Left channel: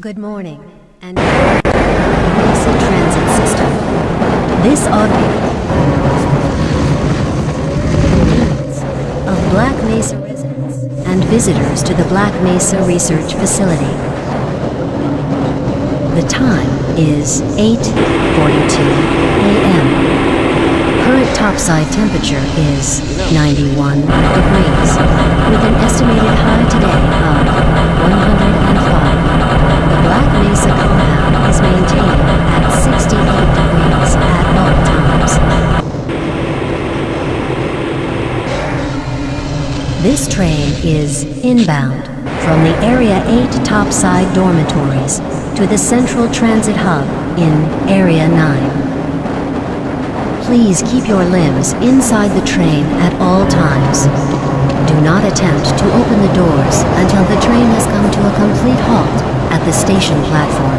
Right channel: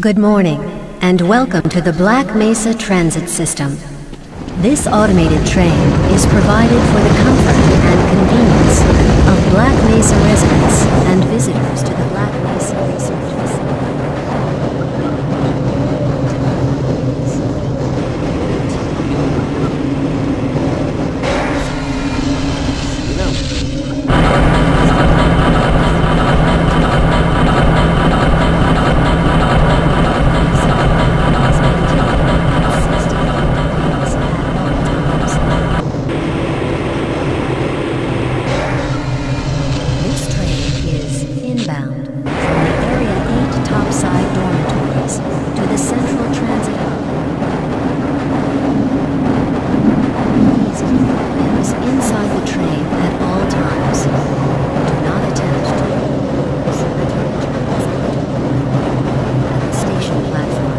Good morning, and welcome to the Black Mesa Transit System. This automated train is provided for the comfort and convenience of Black Mesa residents and visitors to the Black Mesa Research Facility. The time is 8:42 a.m. Current topside temperature is 91 degrees, with an estimated high today of 105. Black Mesa compound is maintained at 68 degrees at all times. This train is inbound from the Area 8 topside dormitories to the Central Transit Hub in Area 9. Please keep your limbs inside the train at all times. Do not attempt to open the doors until the train has come to a complete halt at the station platform.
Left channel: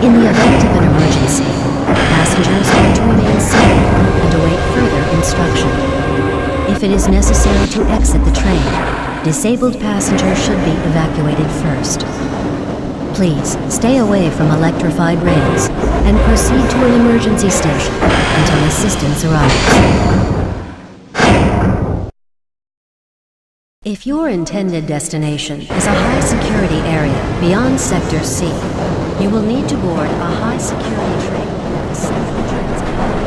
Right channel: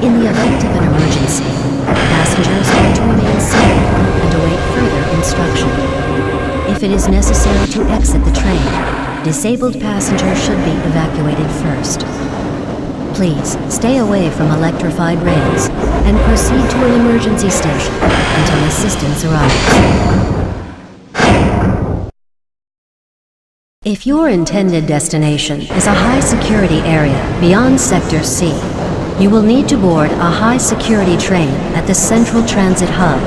In the event of an emergency, passengers are to remain seated and await further instruction. If it is necessary to exit the train, disabled passengers should be evacuated first. Please stay away from electrified rails and proceed to an emergency station until assistance arrives. If your intended destination is a high-security area beyond Sector C, you will need to board a high-security train at the Central Transit Hub.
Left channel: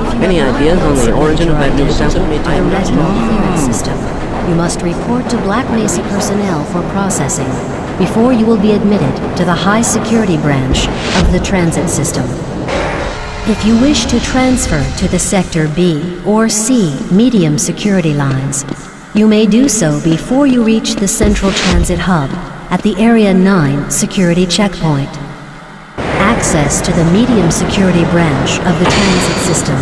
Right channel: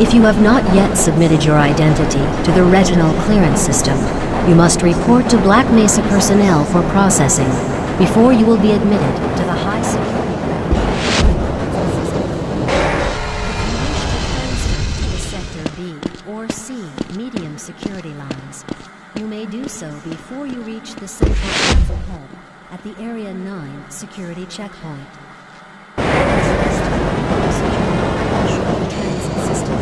If you have not yet submitted your identity to the retinal clearance system, you must report to Black Mesa personnel for processing before you will be admitted to the high-security branch of the transit system. If you wish to transfer to the Sector B or C medium security lines, you may do so before you reach the Central Transit Hub at the Area 9 security checkpoint. Access to the medium security branch of the transit system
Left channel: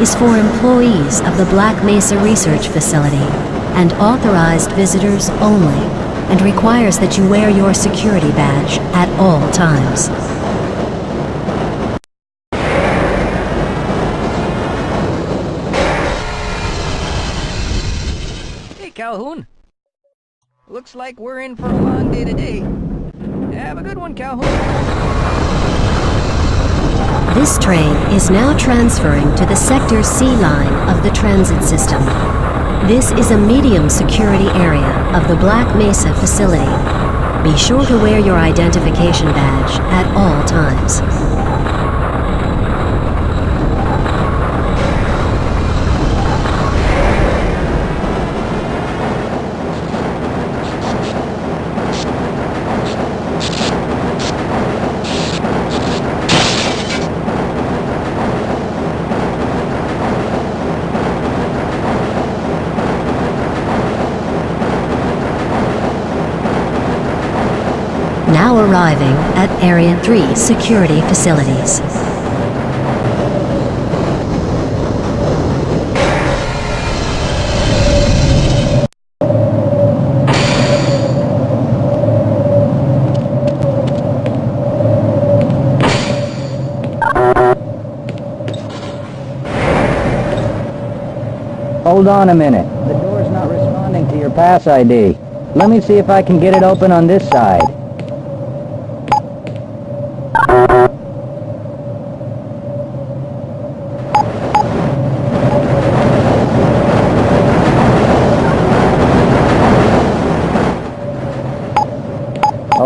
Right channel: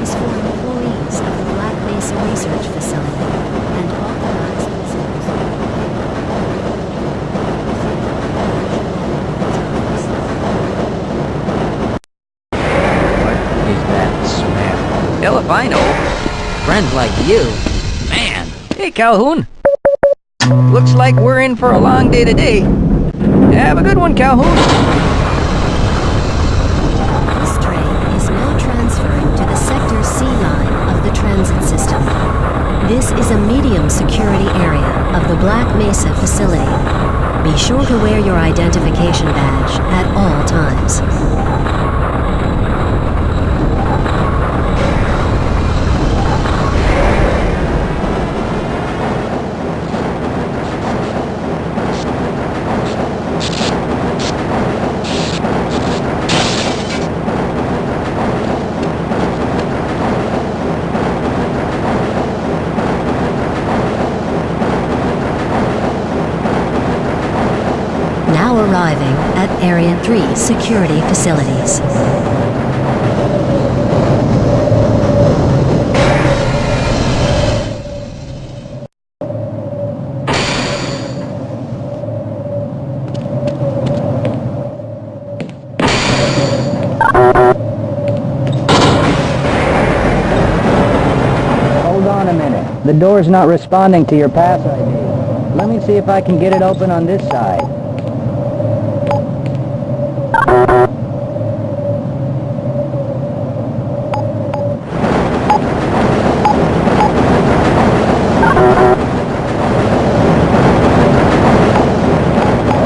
is for employees of the Black Mesa Research Facility and authorized visitors only, and requires that you wear your security badge at all times. Filipino, friends like you. Man, hey Calhoun. Looks like we're in for a long day today. Have a good one, Calhoun. This train is now transferring to the Sector C line of the transit system. This is a medium security area of the Black Mesa facility. Be sure to wear your identification badge at all times. Now arriving at Area 3 security facilities. Hold on a minute. The door's not responding to your pass ID. Let me see if I can get it open on this side.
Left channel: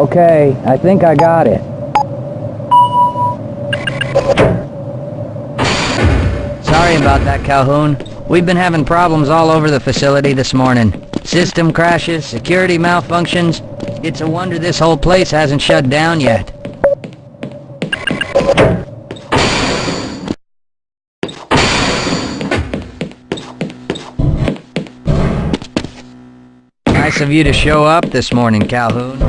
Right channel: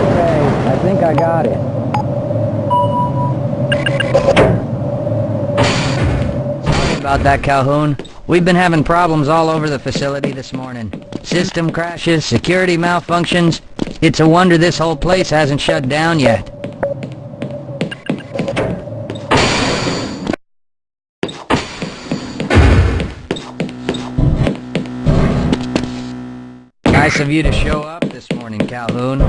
Okay, I think I got it. Sorry about that, Calhoun. We've been having problems all over the facility this morning. System crashes, security malfunctions. It's a wonder this whole place hasn't shut down yet. Nice of you to show up this morning, Calhoun.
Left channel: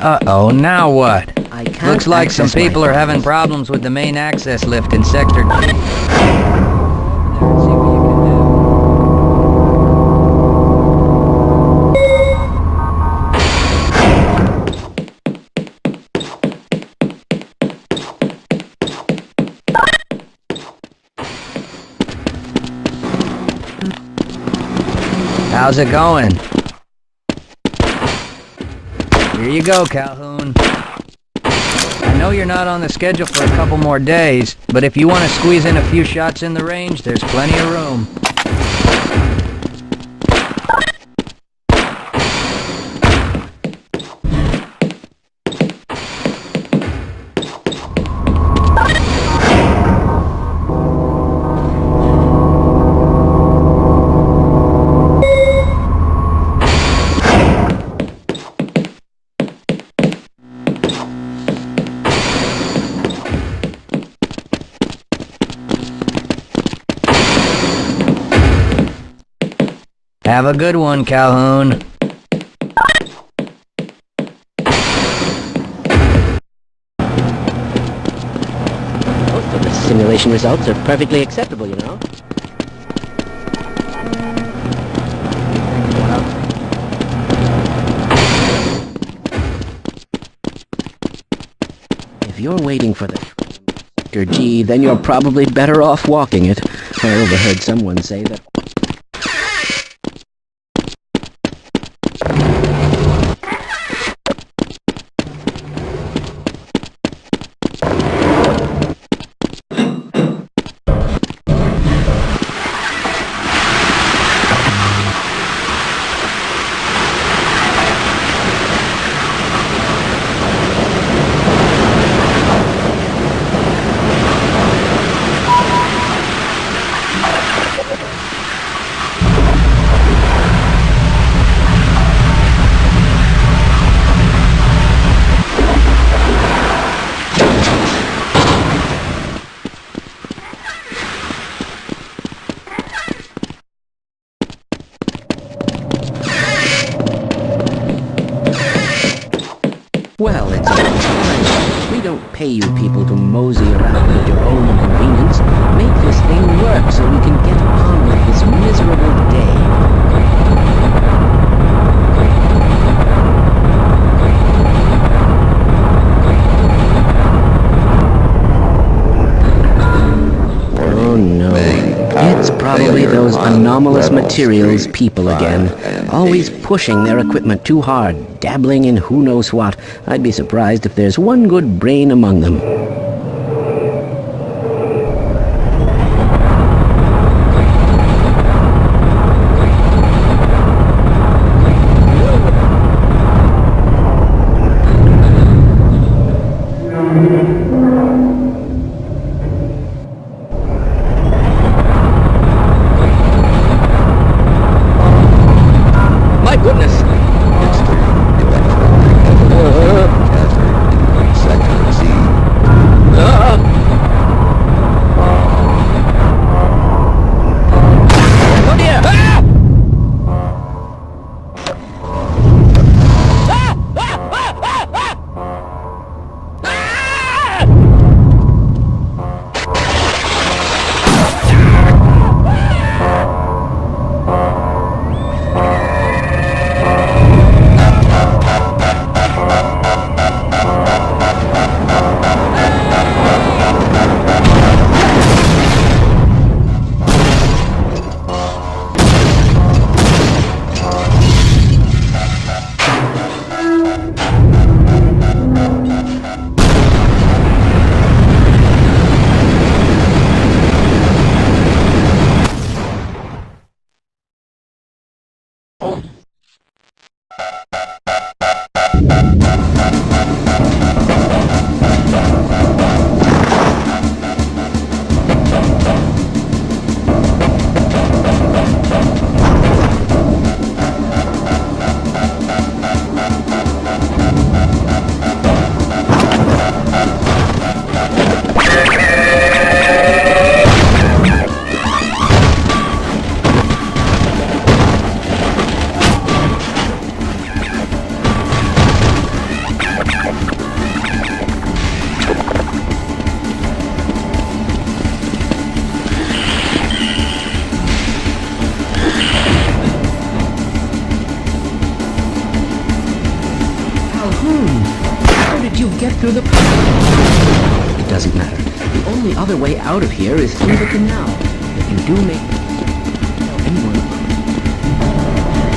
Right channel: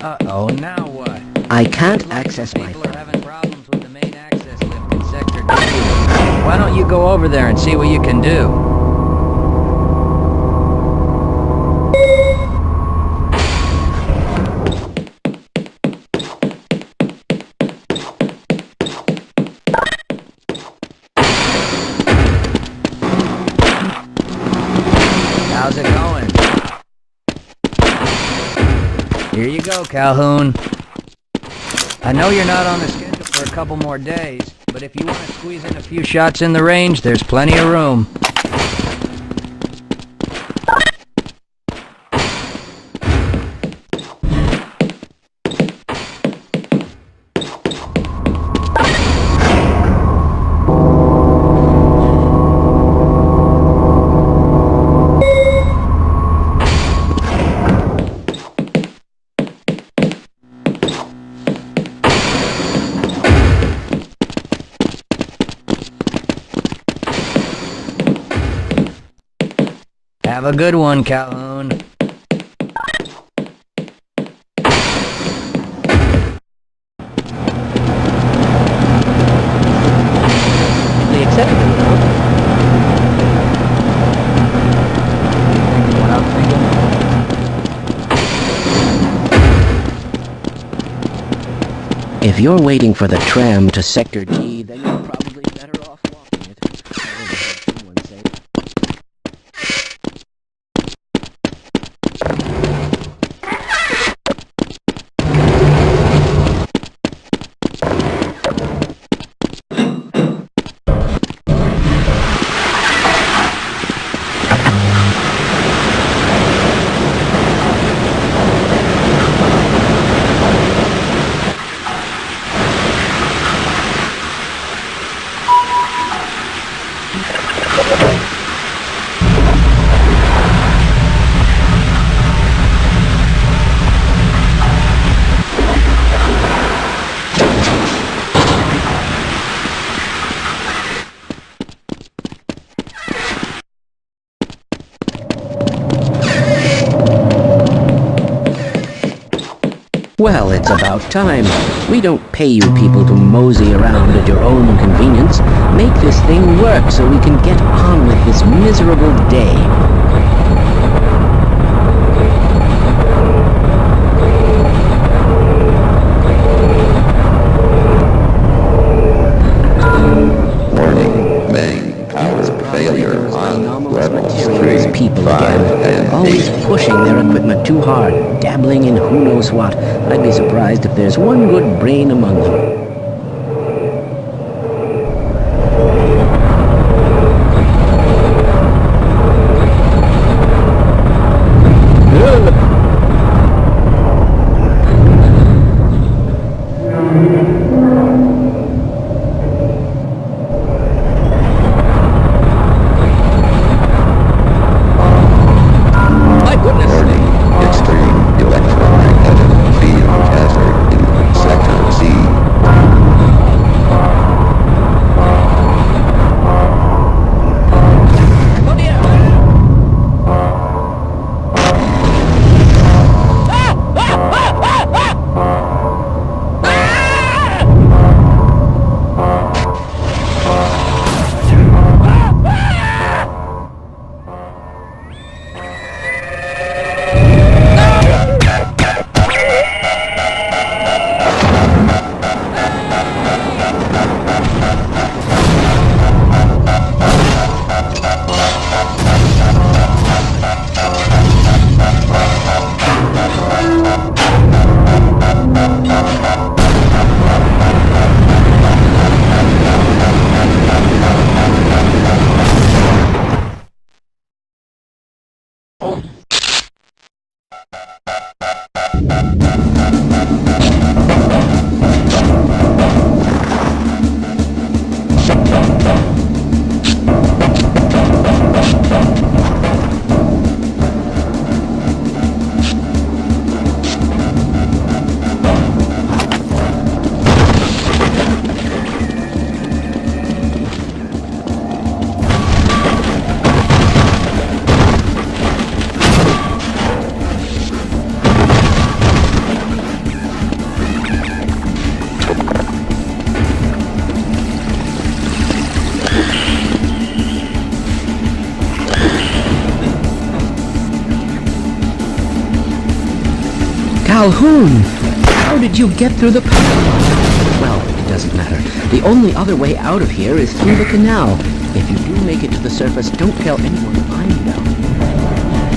Uh-oh, now what? I can't. Looks like some people are having problems with the main access lift in Sector 2. Why don't you go over there and see what you can do? How's it going? Here you go, Calhoun. I know you're not on the schedule for a couple more days, but if you want to squeeze in a few shots in the range, there's plenty of room. Have a good one, Calhoun. Simulation results are perfectly acceptable, you know. If you're waiting for the tram to Sector G, then you're probably better off walking it. I overheard someone say that. Well, it's about time. We don't pay you people to mosey around at your own convenience. Make this thing work so we can get on with this miserable day. It's probably those anomalous materials people again. Always pushing their equipment too hard, dabbling in who knows what. I'd be surprised if there's one good brain among them. Calhoun! How did you get through the... Well, it doesn't matter. The only other way out of here is through the canal. If you do make it to the surface, don't tell anyone I'm down.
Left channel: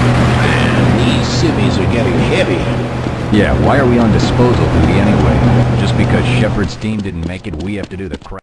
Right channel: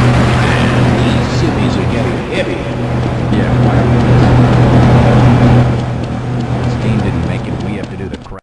These semis are getting heavy. Yeah, why are we on disposal duty anyway? Just because Shepard's team didn't make it, we have to do the crap.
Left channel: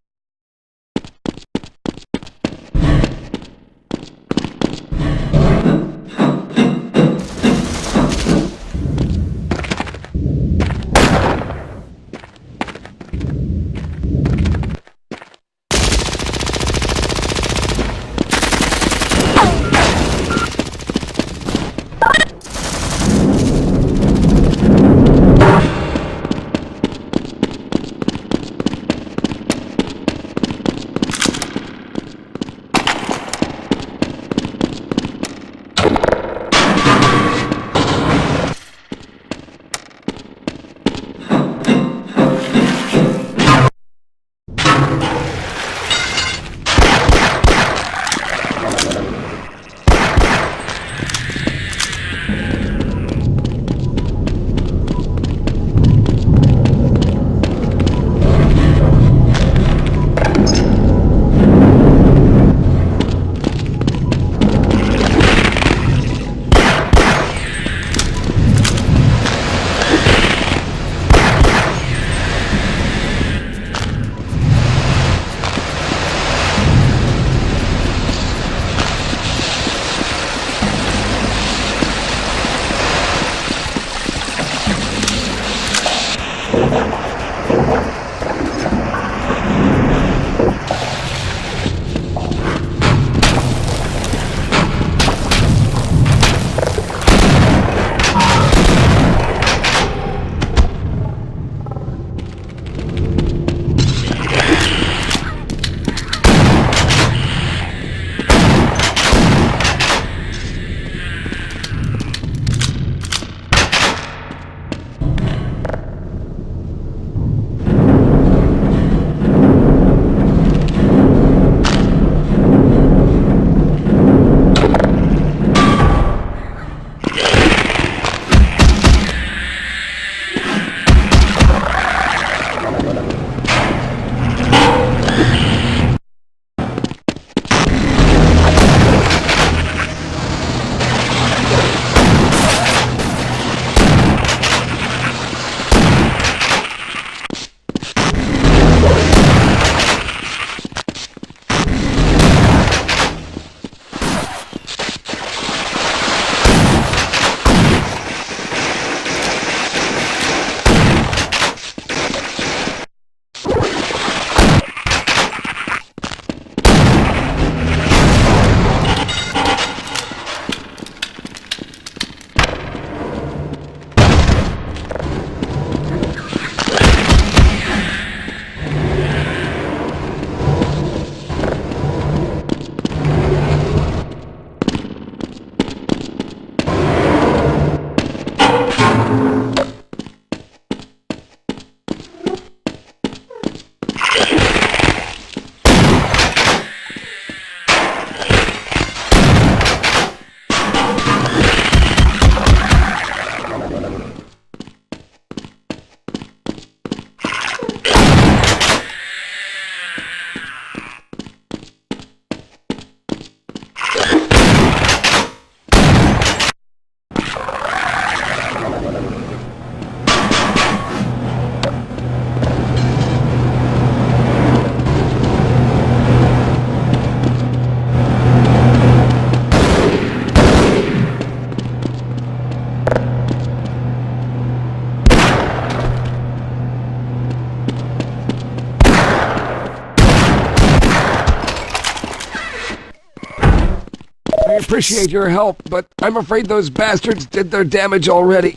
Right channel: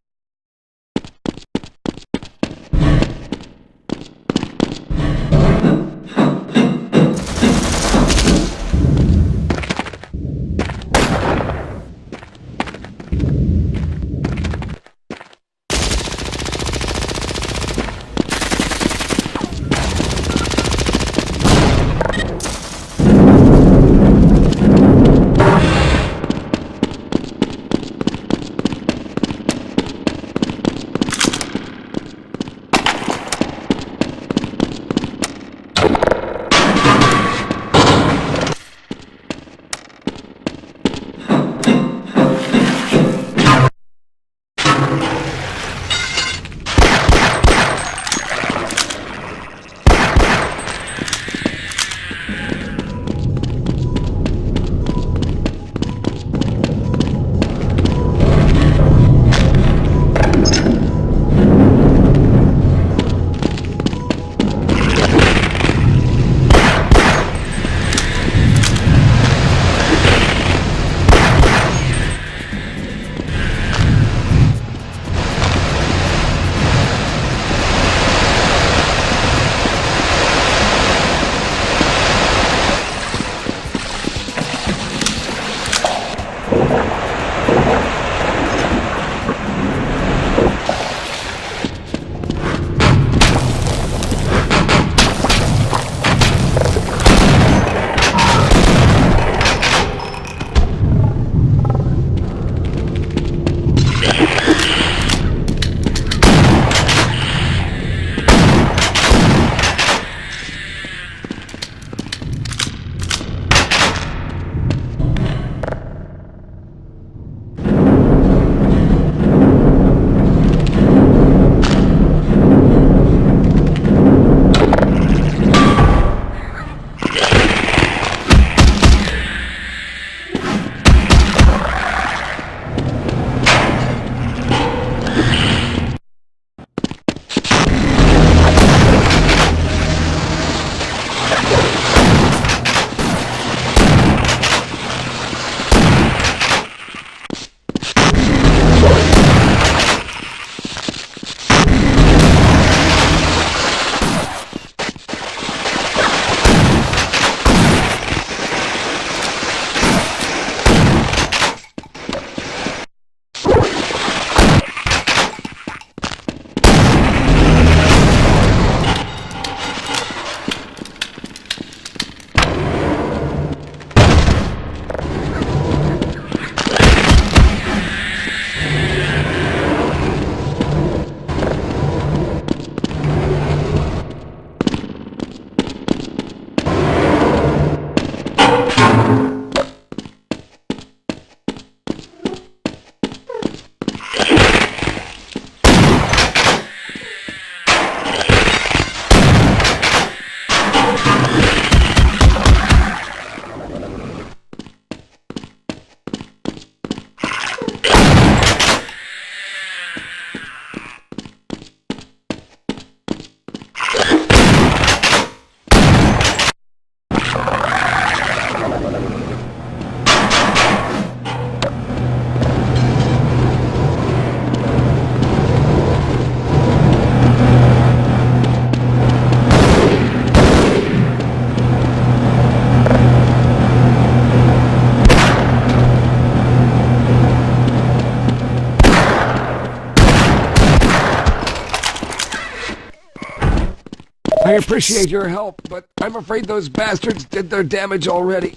I appreciate your help, but I'm afraid those bastards did their damage already.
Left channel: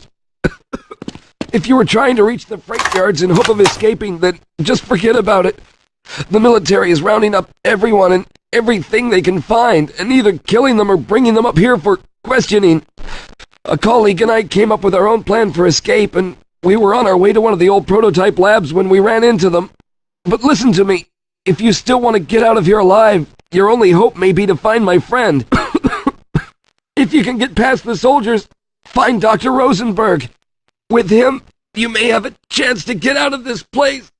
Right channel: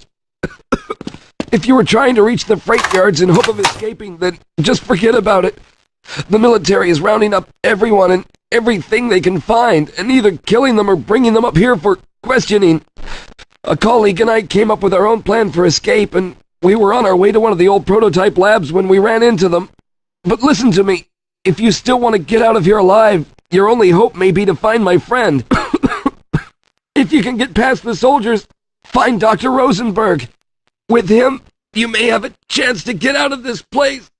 If you were trying to reach the freight yards in hope of escaping, then just forget about it. The military is rounding up everyone and everything they can find, and either killing them or bringing them up here for questioning. A colleague and I came up with our own plan for escape, and we were on our way to one of the old prototype labs when we ran into them. But listen to me. If you still want to get out of here alive, your only hope may be to find my friend. If you can get past the soldiers, find Dr. Rosenberg. With him, you may have a chance to get out of this place.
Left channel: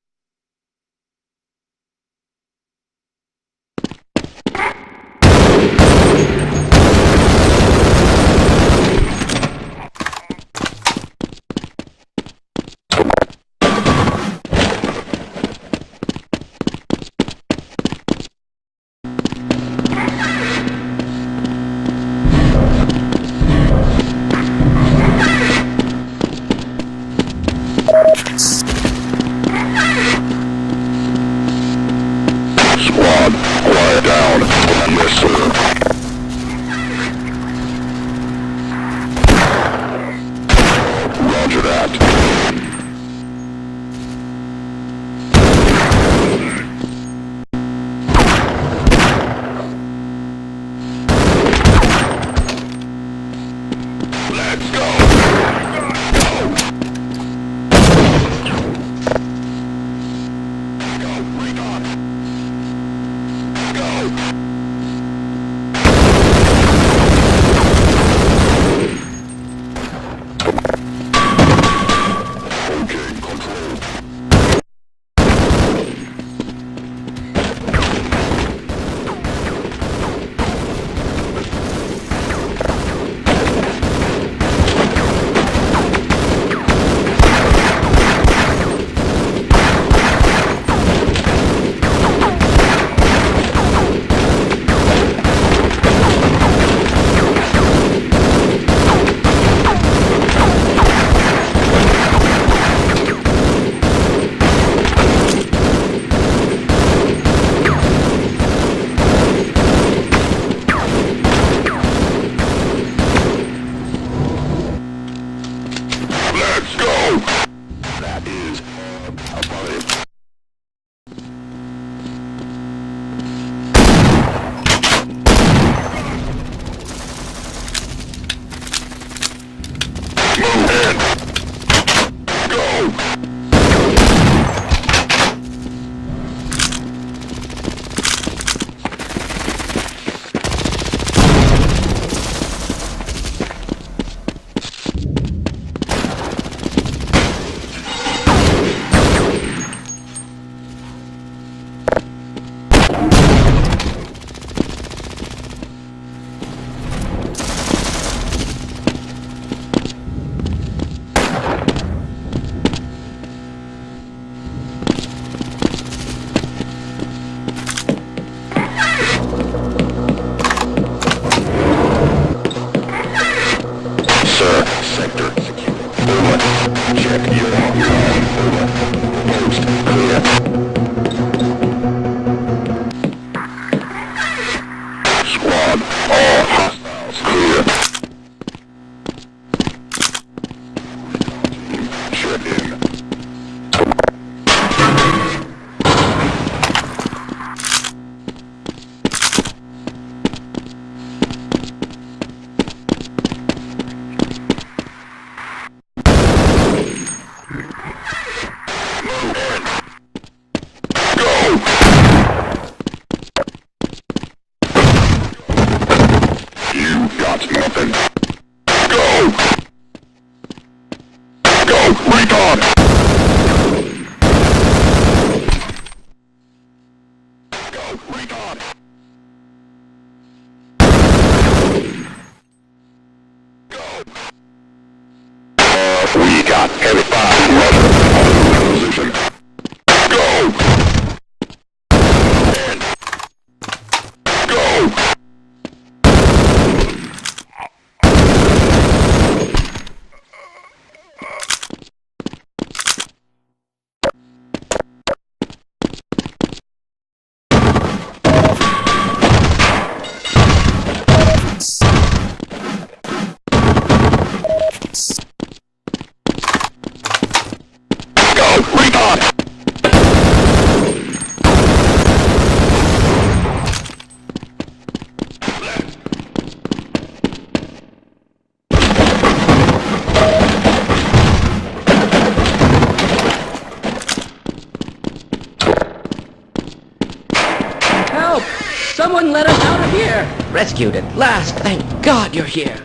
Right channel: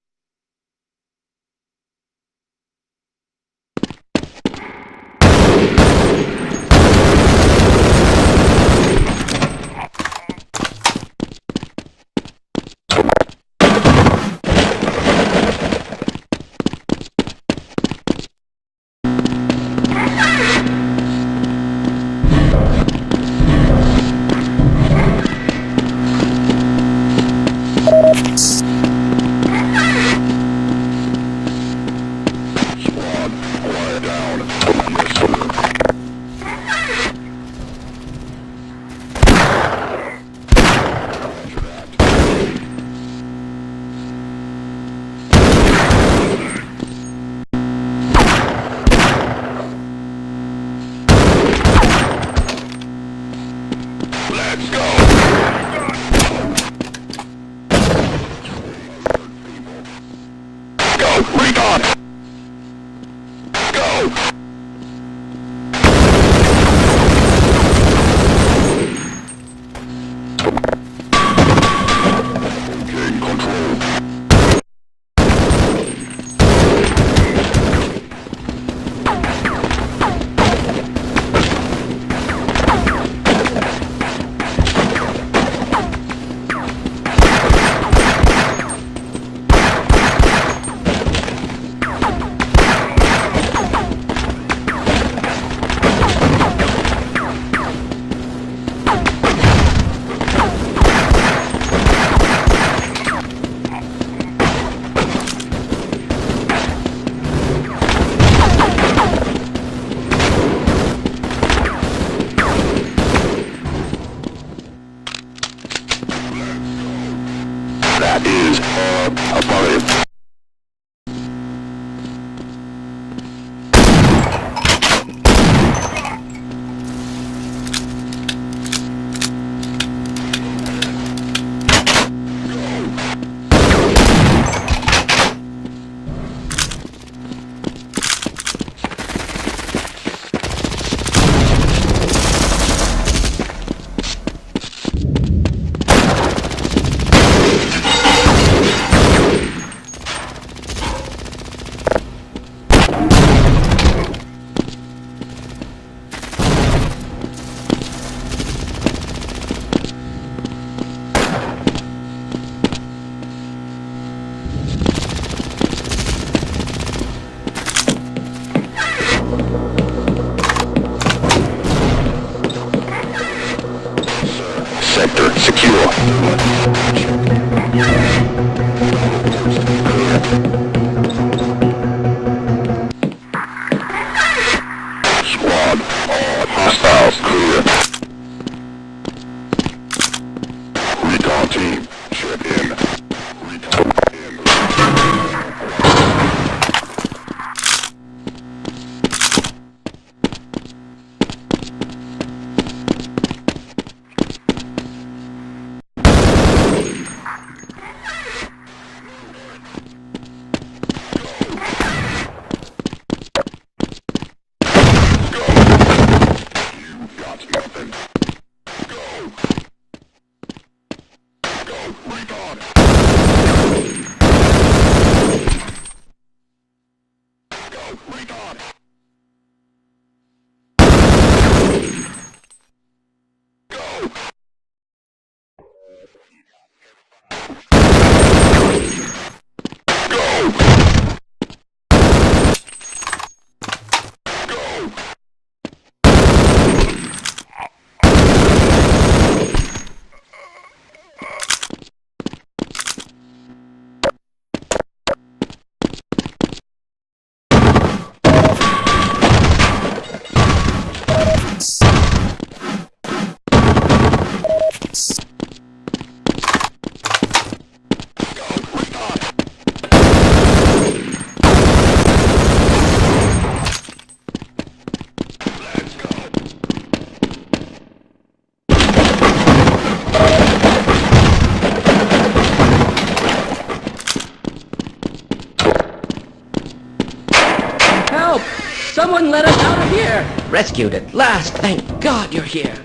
last. Thank God you're here.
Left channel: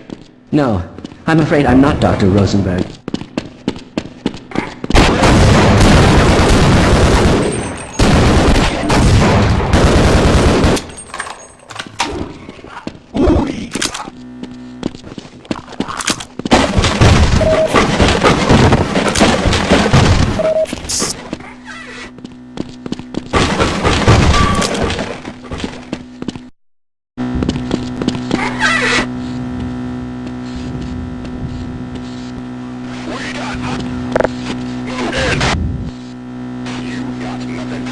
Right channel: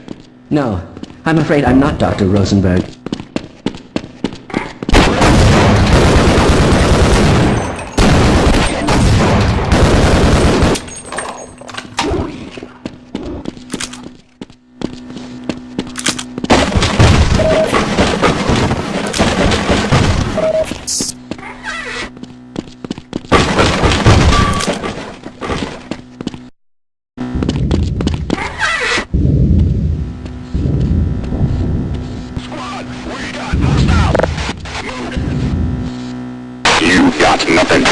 No, I'm afraid I'm not Dr. Rosenberg. You got nothing.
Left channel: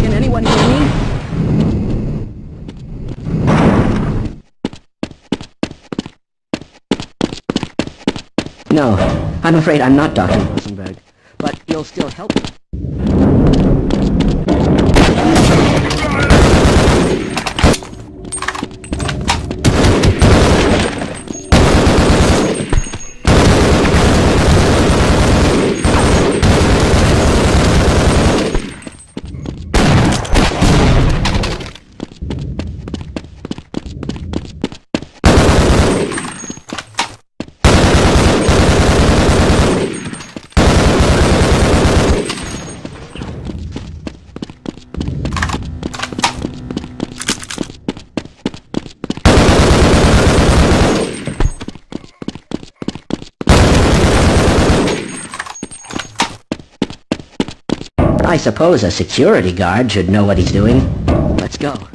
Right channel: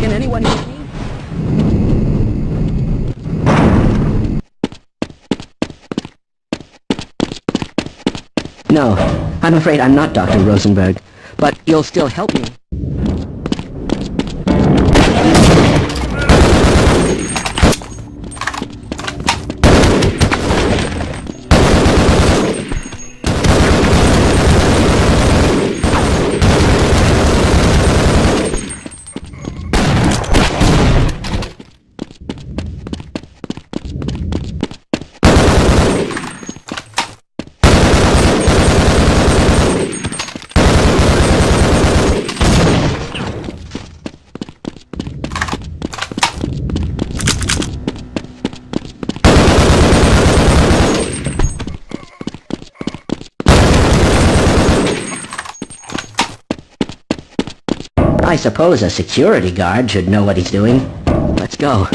Can anyone hear me? No, I'm afraid I'm not Dr. Rosenberg, but you'll still help me. I suppose a security guard should know what he's doing. Let's go.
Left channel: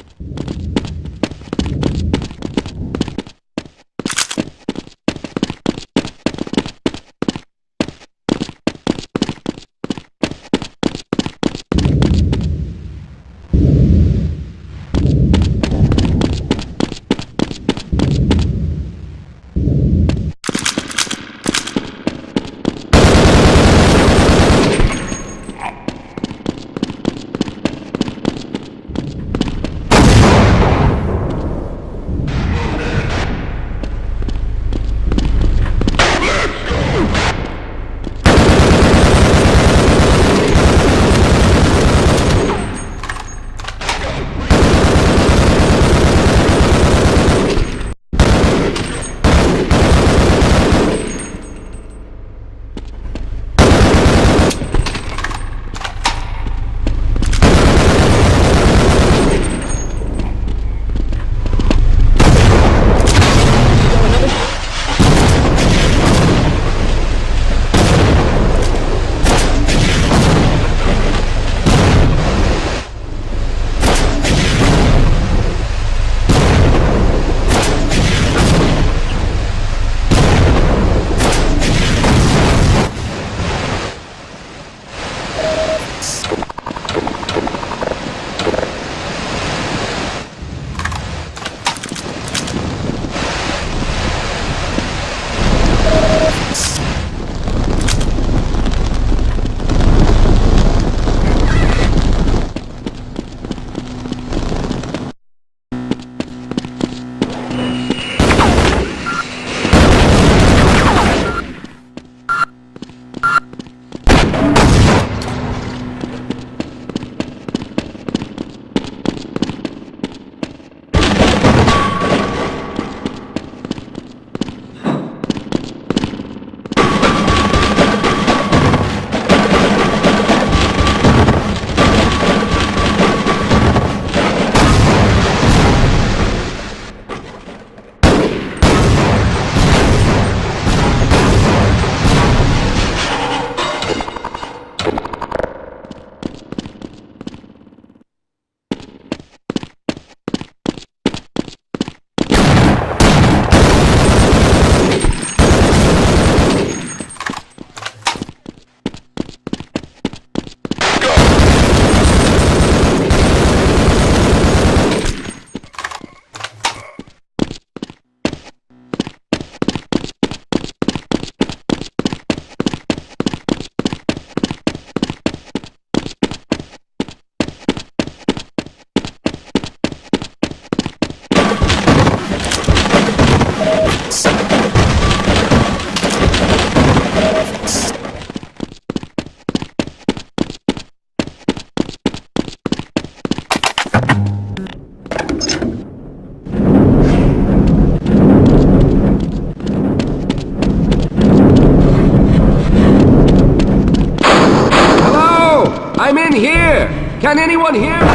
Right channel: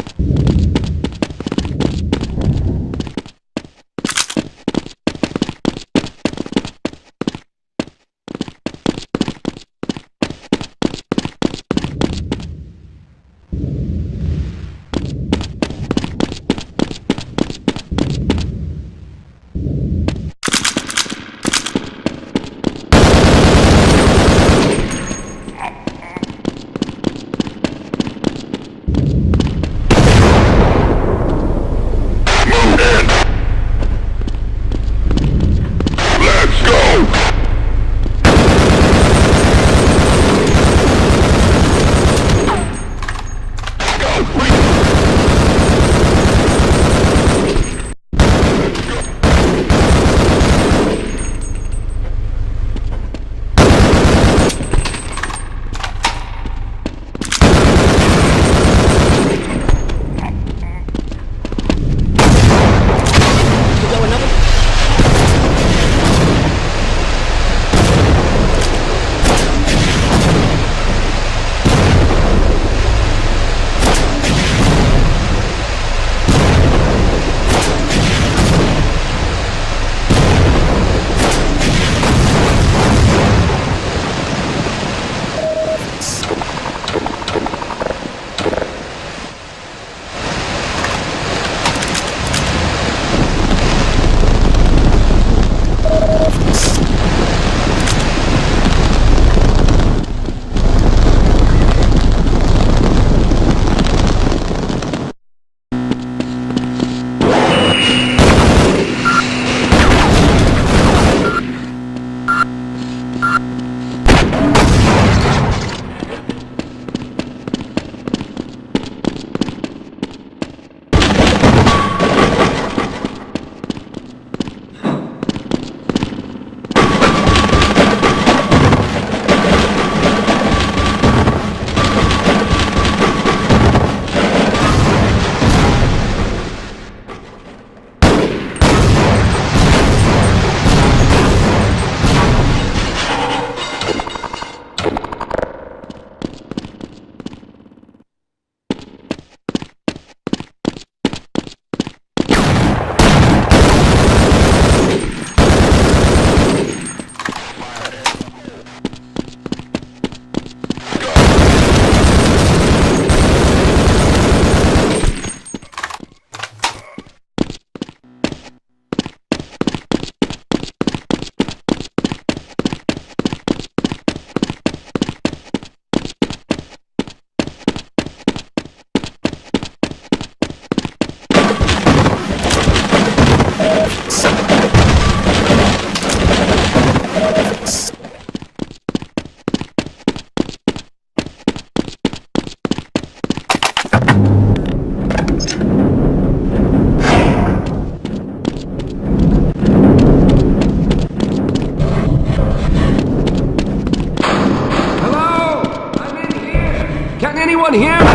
Hello! I'm in here! Can anyone hear me?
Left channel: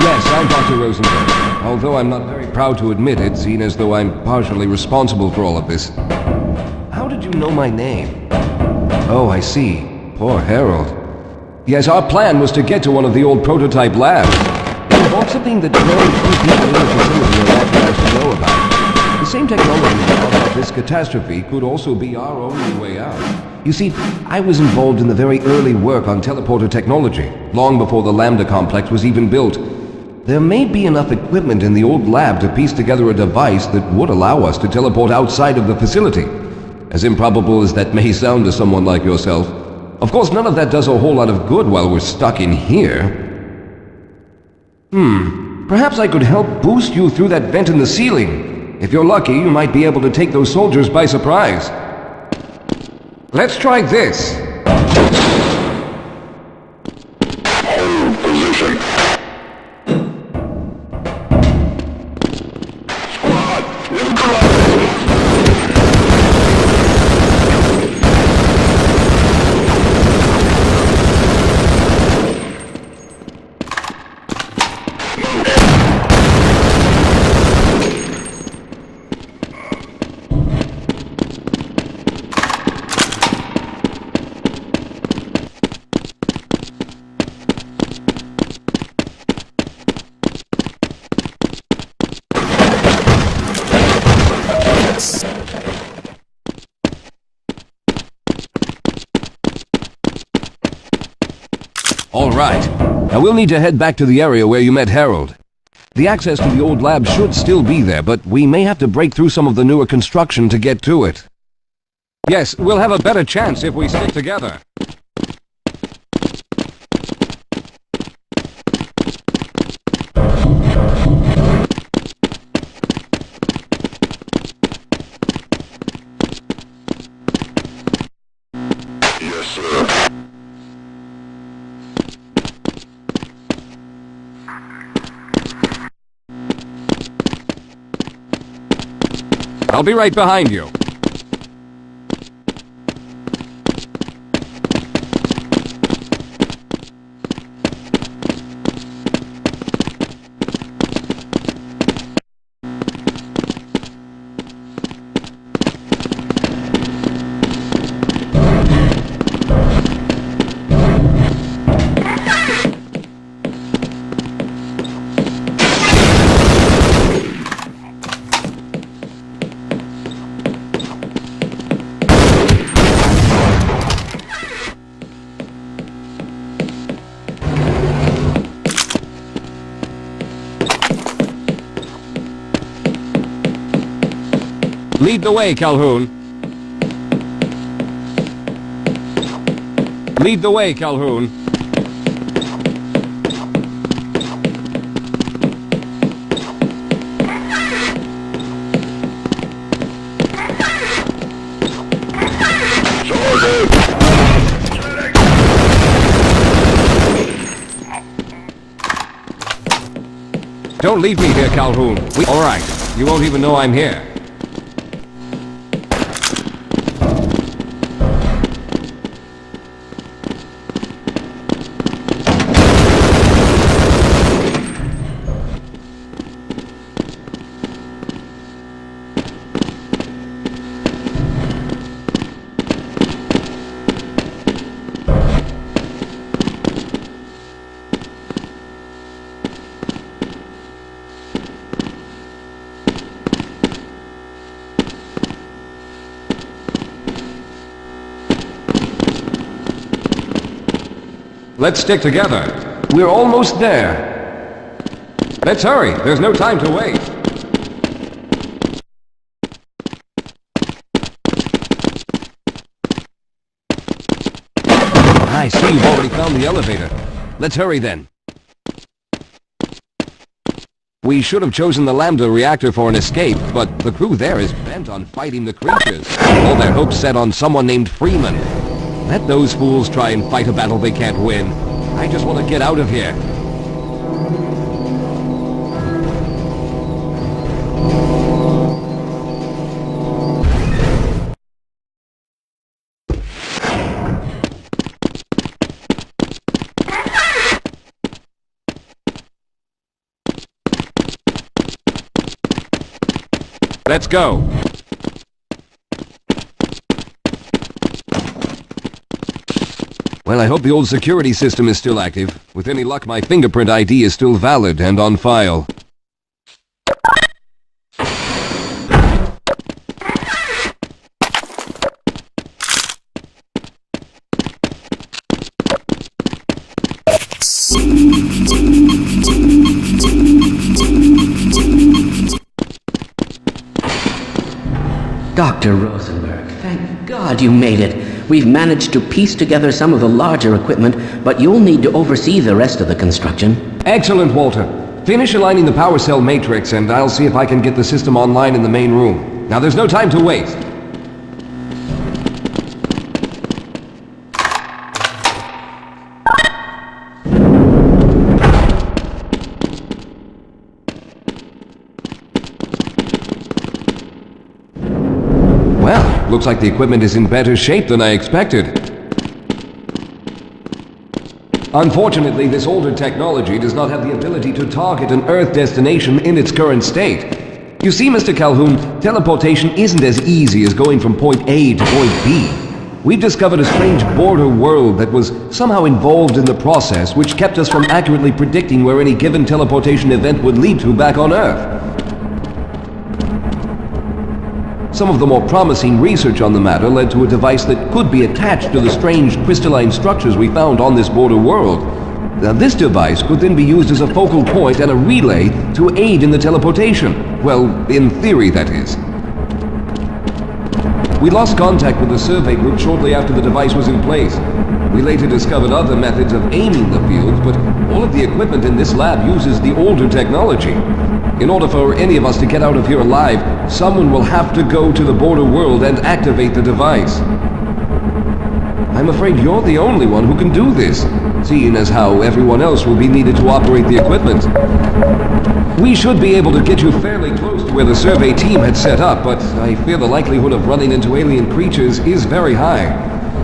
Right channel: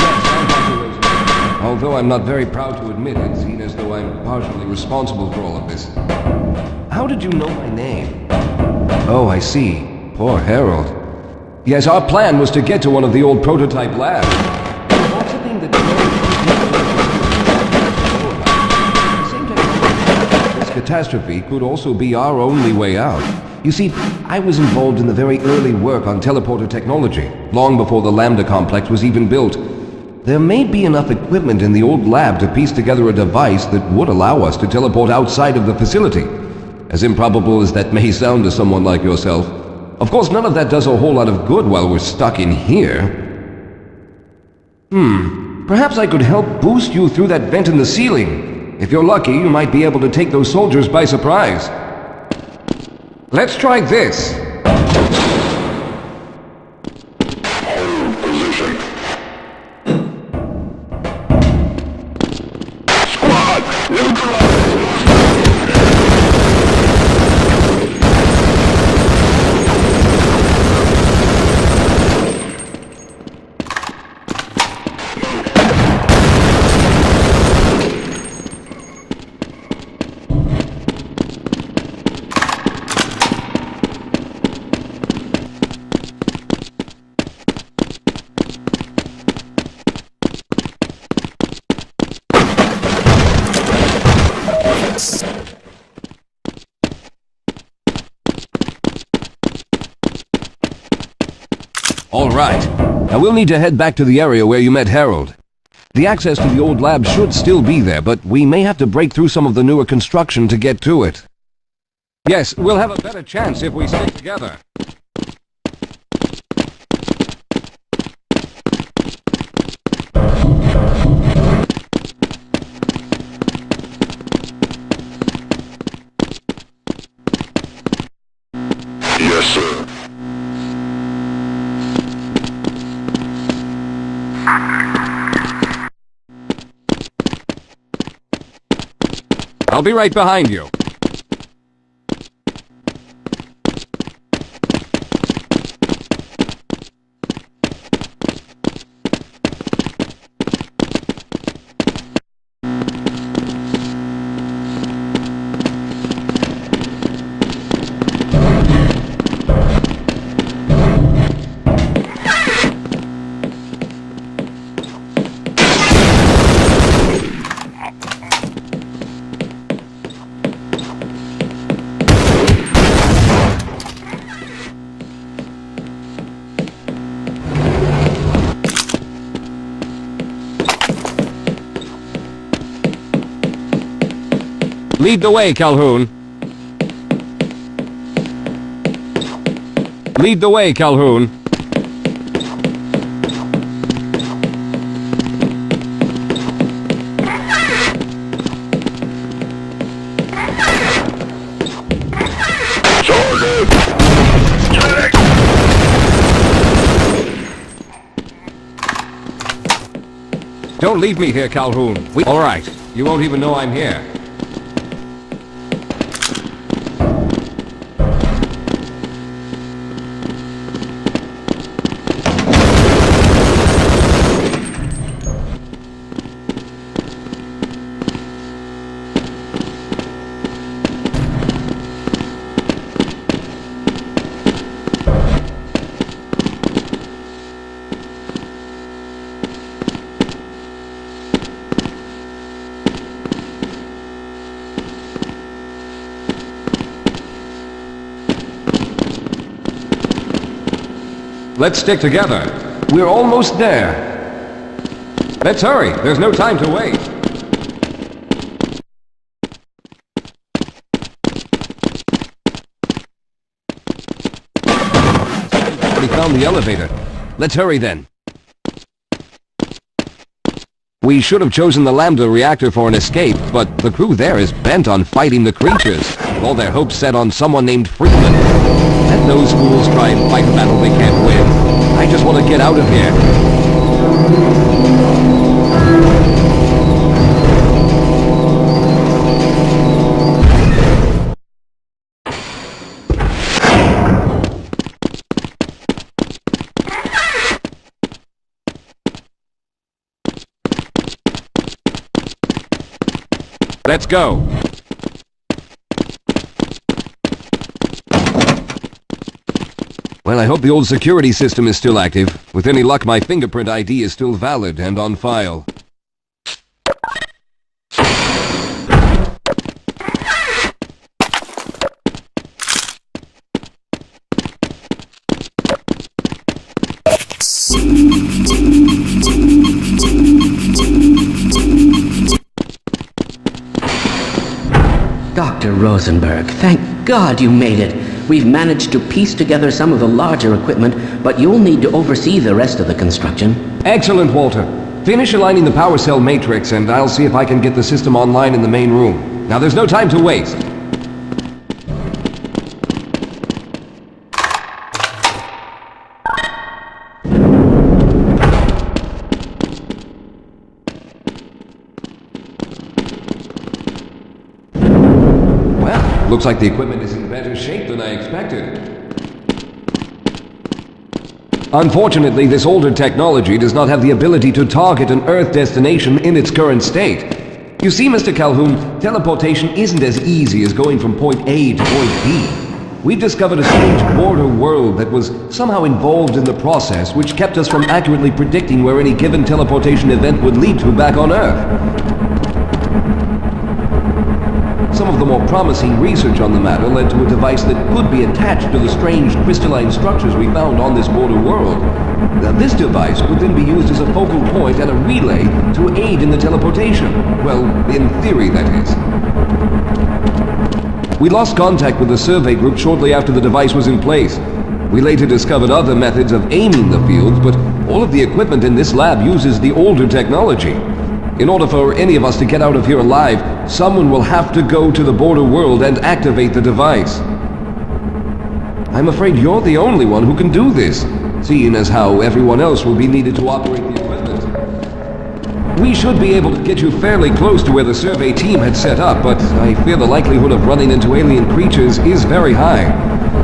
Yes, I'm Dr. Rosenberg. Although I'm not very proud to admit it, seeing as though I'm partially responsible for all of this. How did you know my name? Oh, I see. Poor Harold. Yes, our plan was to get to one of the old prototype labs. Or something that know about. The same technology, this catastrophe could also be our only way out. You see, I was involved in the very early work on teleporter technology, long before the Lambda complex was even built. There may be enough equipment in the old lab to piece together a device that would allow us to teleport outside of the facility. As improbable as that may sound to someone like yourself. Of course, none of that does a whole lot of good while we're stuck in here. Perhaps I could help boost you through that vent in the ceiling. If you're lucky, you might be able to take those soldiers by surprise. Let's try this. All right. Now we'll need to head back to the area where you met Harold. The access to the old lab should still be there, but we may have to break through some of the newer construction to get to it. Yes, we'll have a better chance if we stick together. Yes, sir. I'll be right behind you. Lead the way, Calhoun. Lead the way, Calhoun. Don't leave me here, Calhoun. All right. You won't even know I'm here. Let's stick together. We're almost there. Let's hurry. There's no time to wait. I see you've already found the elevator. Let's hurry then. We should have chosen the Lambda reactor for an escape, but the crew there is bent on fighting the creatures. All their hopes set on someone named Freeman. Let those fools try and fight a battle they can't win. I just want to get out of here. Let's go. Well, I hope the old security system is still active. With any luck, my fingerprint ID is still valid and on file. Dr. Rosenberg, thank God you made it. We've managed to piece together some of the larger equipment, but you'll need to oversee the rest of the construction. Excellent, Walter. Finish aligning the power cell matrix, and I'll see if I can get the system online in the main room. Now, there's no time to waste. Looks like the equipment is in better shape than I expected. Unfortunately, this older technology does not have the ability to target an Earth destination in its current state. You see, Mr. Calhoun, teleportation isn't as easy as going from point A to point B. We've discovered a strange border world that was somehow involved in the process, which kept us from accurately predicting where any given teleportation event would lead to back on Earth. Some of the more promising research on the matter led to a device that could be attached to the strange crystalline structures we found on this border world. Now, this device could then be used as a focal point and a relay to aid in the teleportation. Well, in theory, that is. We lost contact with the survey group shortly after the device was in place. We later discovered other methods of aiming the field, but all of the equipment in this lab uses the older technology. In order for any of us to get out of here alive, someone will have to go to the border world and activate the device. I'm afraid you're the only one who can do this, seeing as how everyone else will be needed to operate the equipment. We should be able to get you fairly close to where the survey team had set up, but I fear the likelihood of running into alien creatures is very high.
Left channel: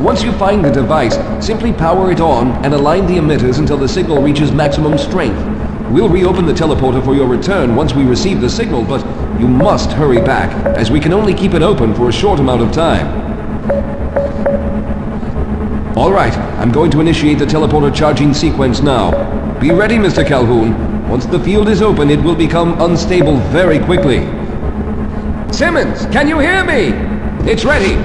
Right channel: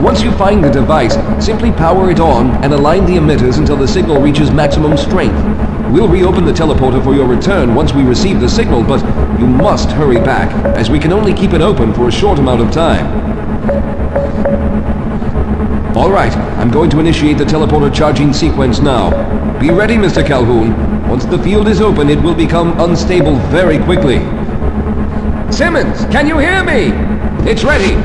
Once you find the device, simply power it on and align the emitters until the signal reaches maximum strength. We'll reopen the teleporter for your return once we receive the signal, but you must hurry back, as we can only keep it open for a short amount of time. All right, I'm going to initiate the teleporter charging sequence now. Be ready, Mr. Calhoun. Once the field is open, it will become unstable very quickly. Simmons, can you hear me? It's ready.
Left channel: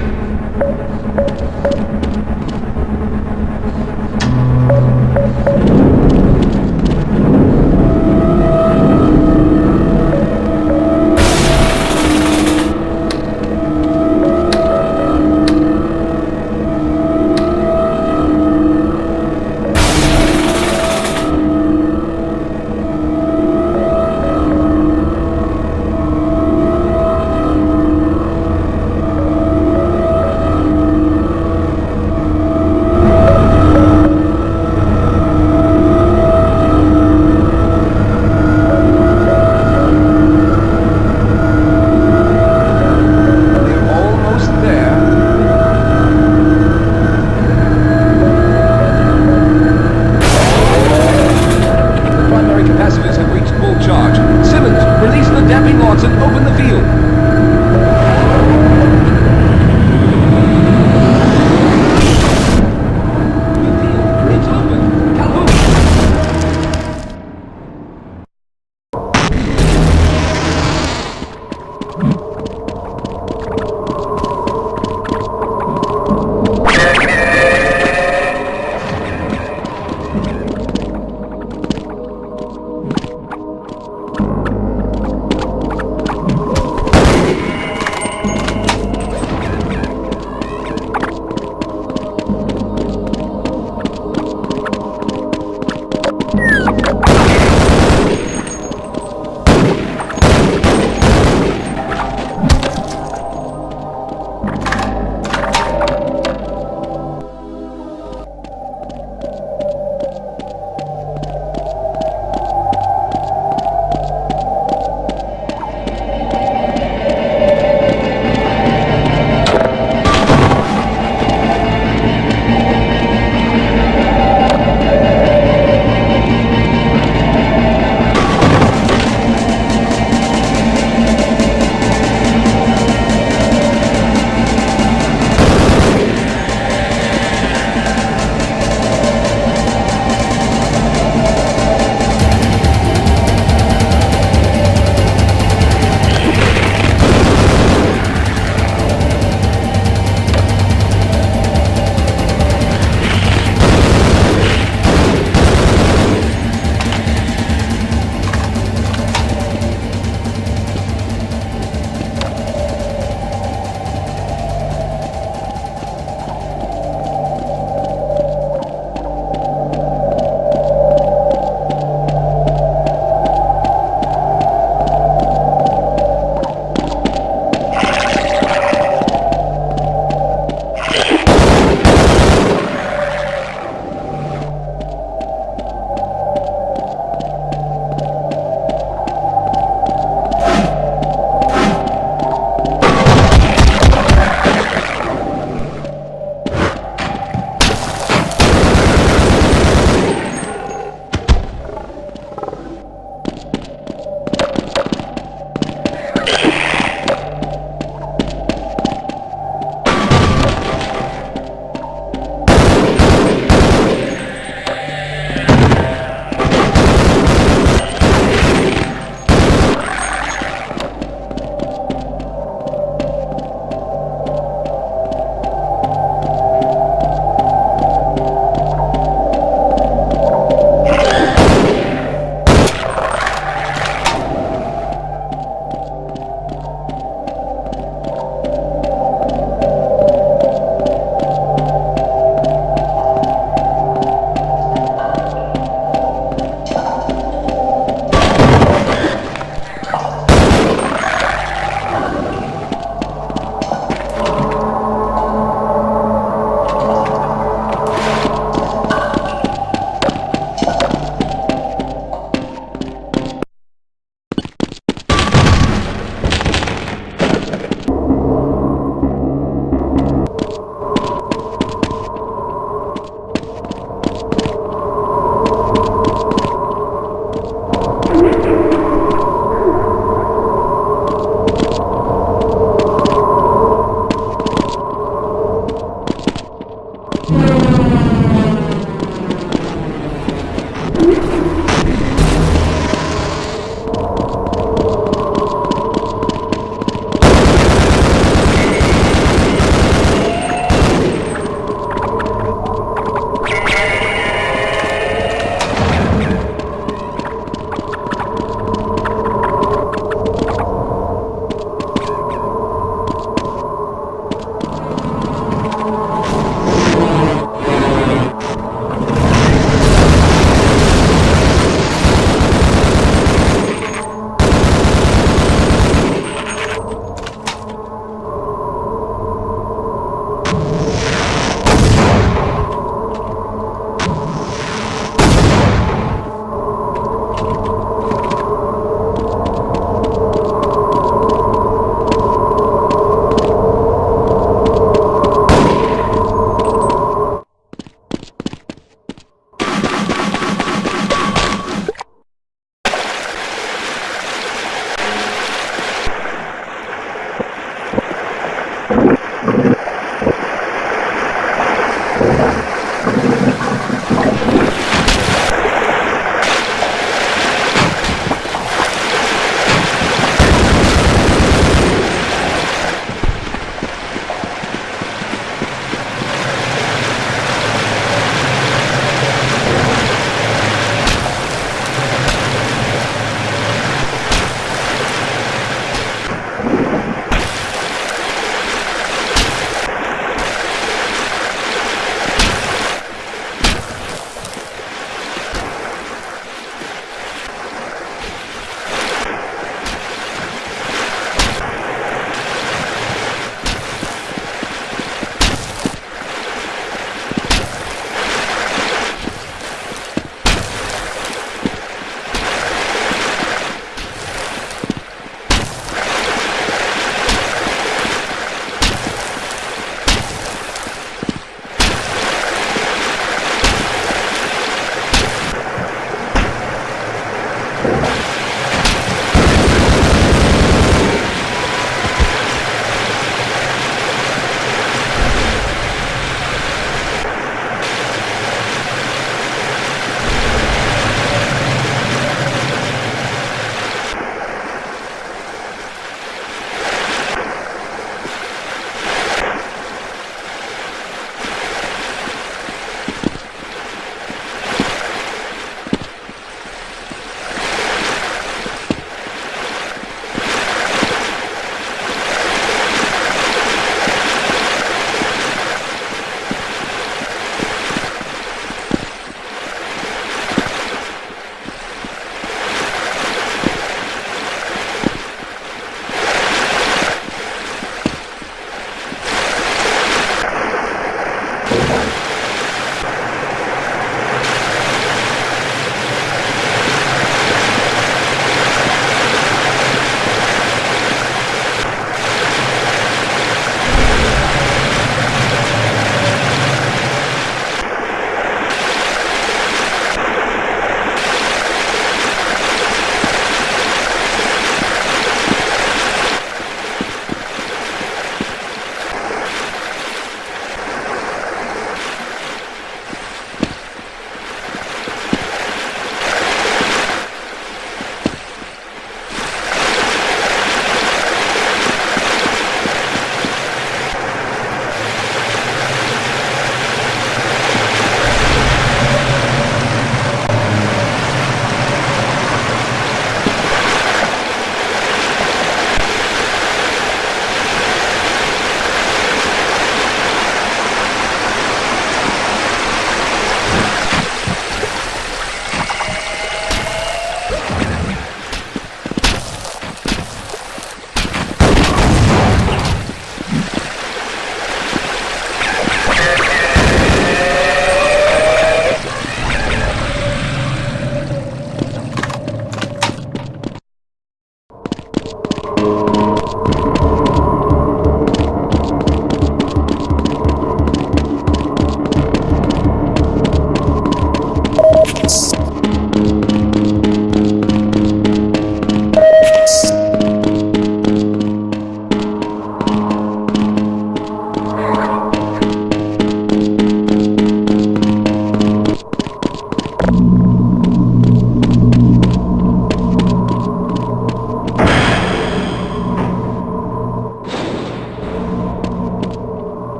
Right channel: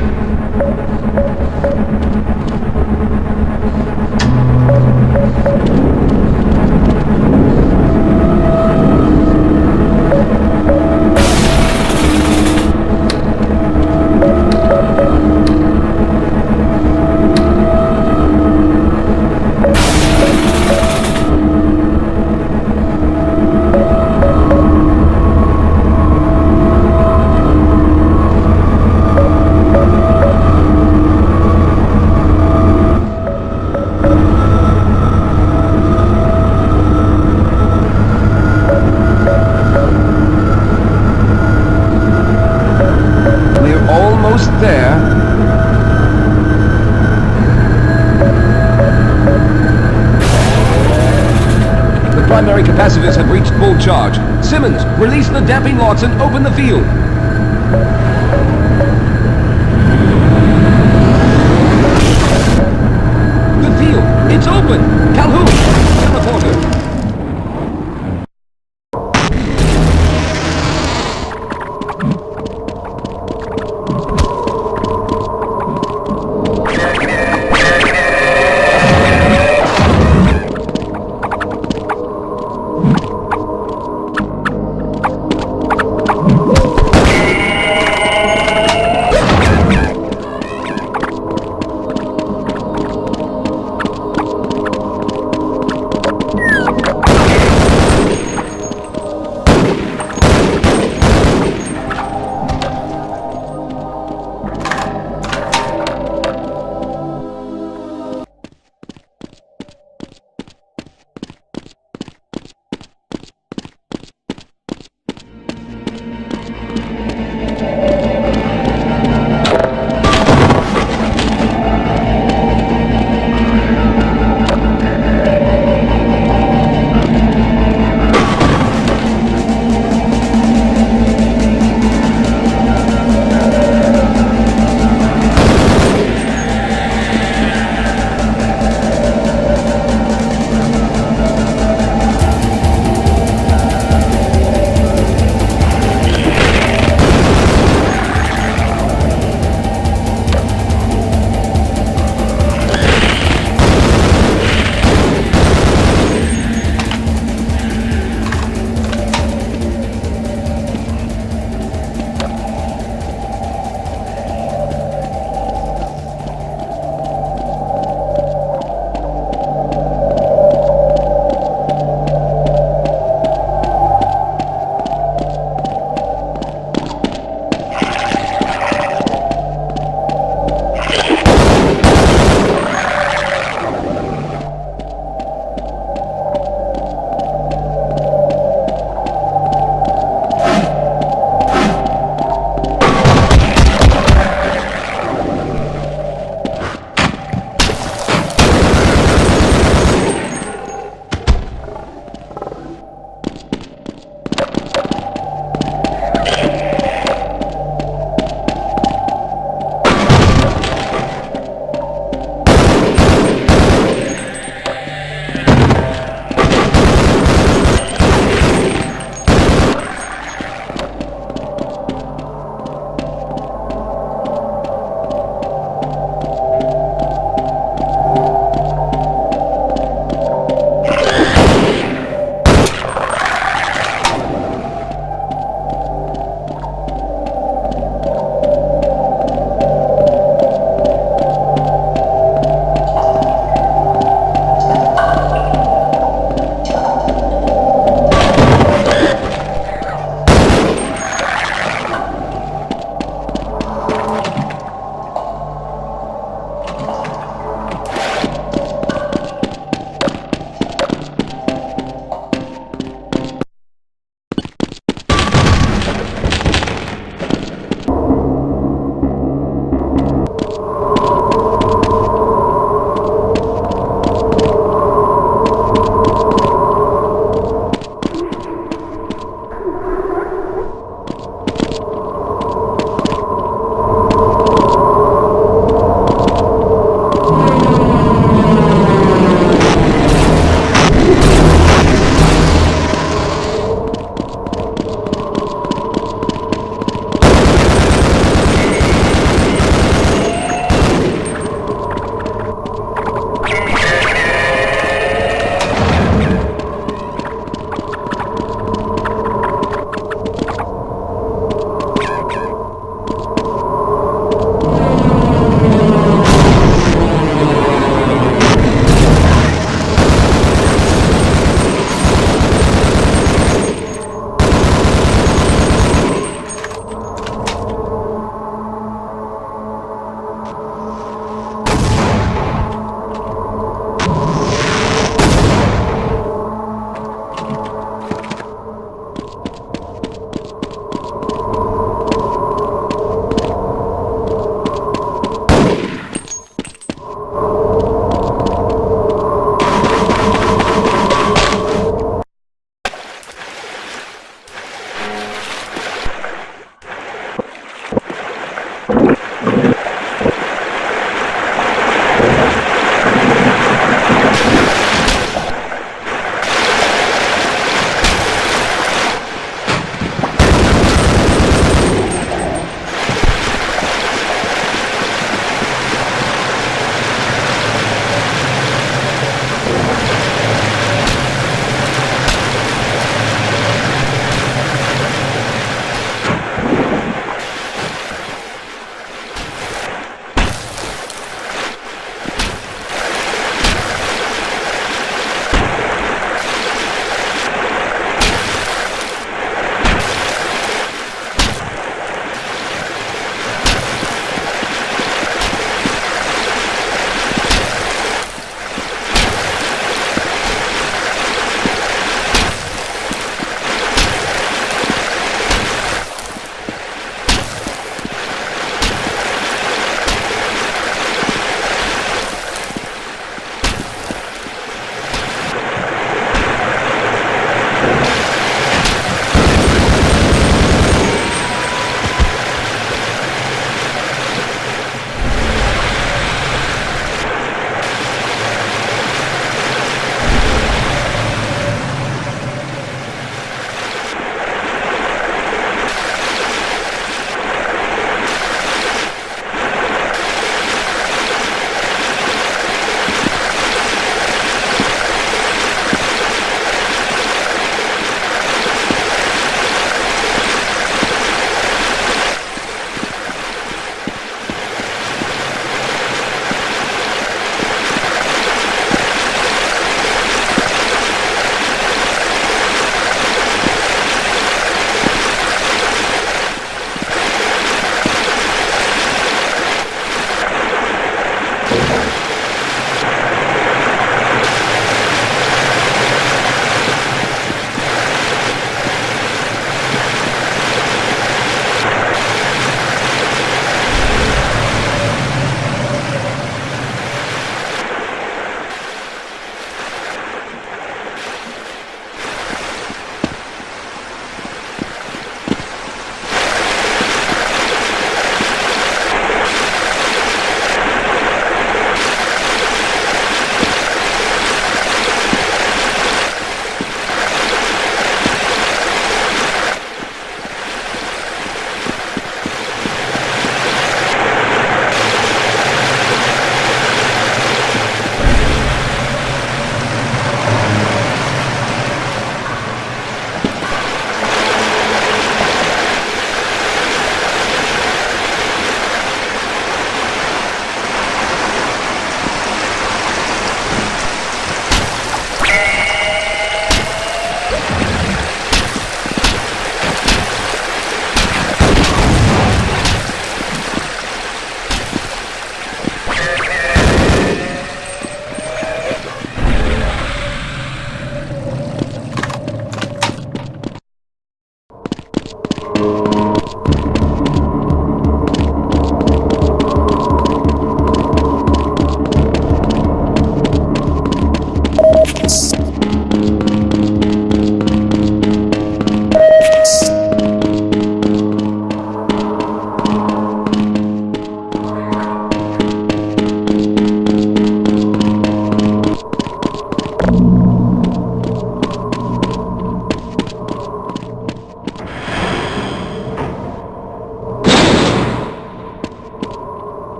Watson, open the field. The field, it's open. Calhoun, teleporter.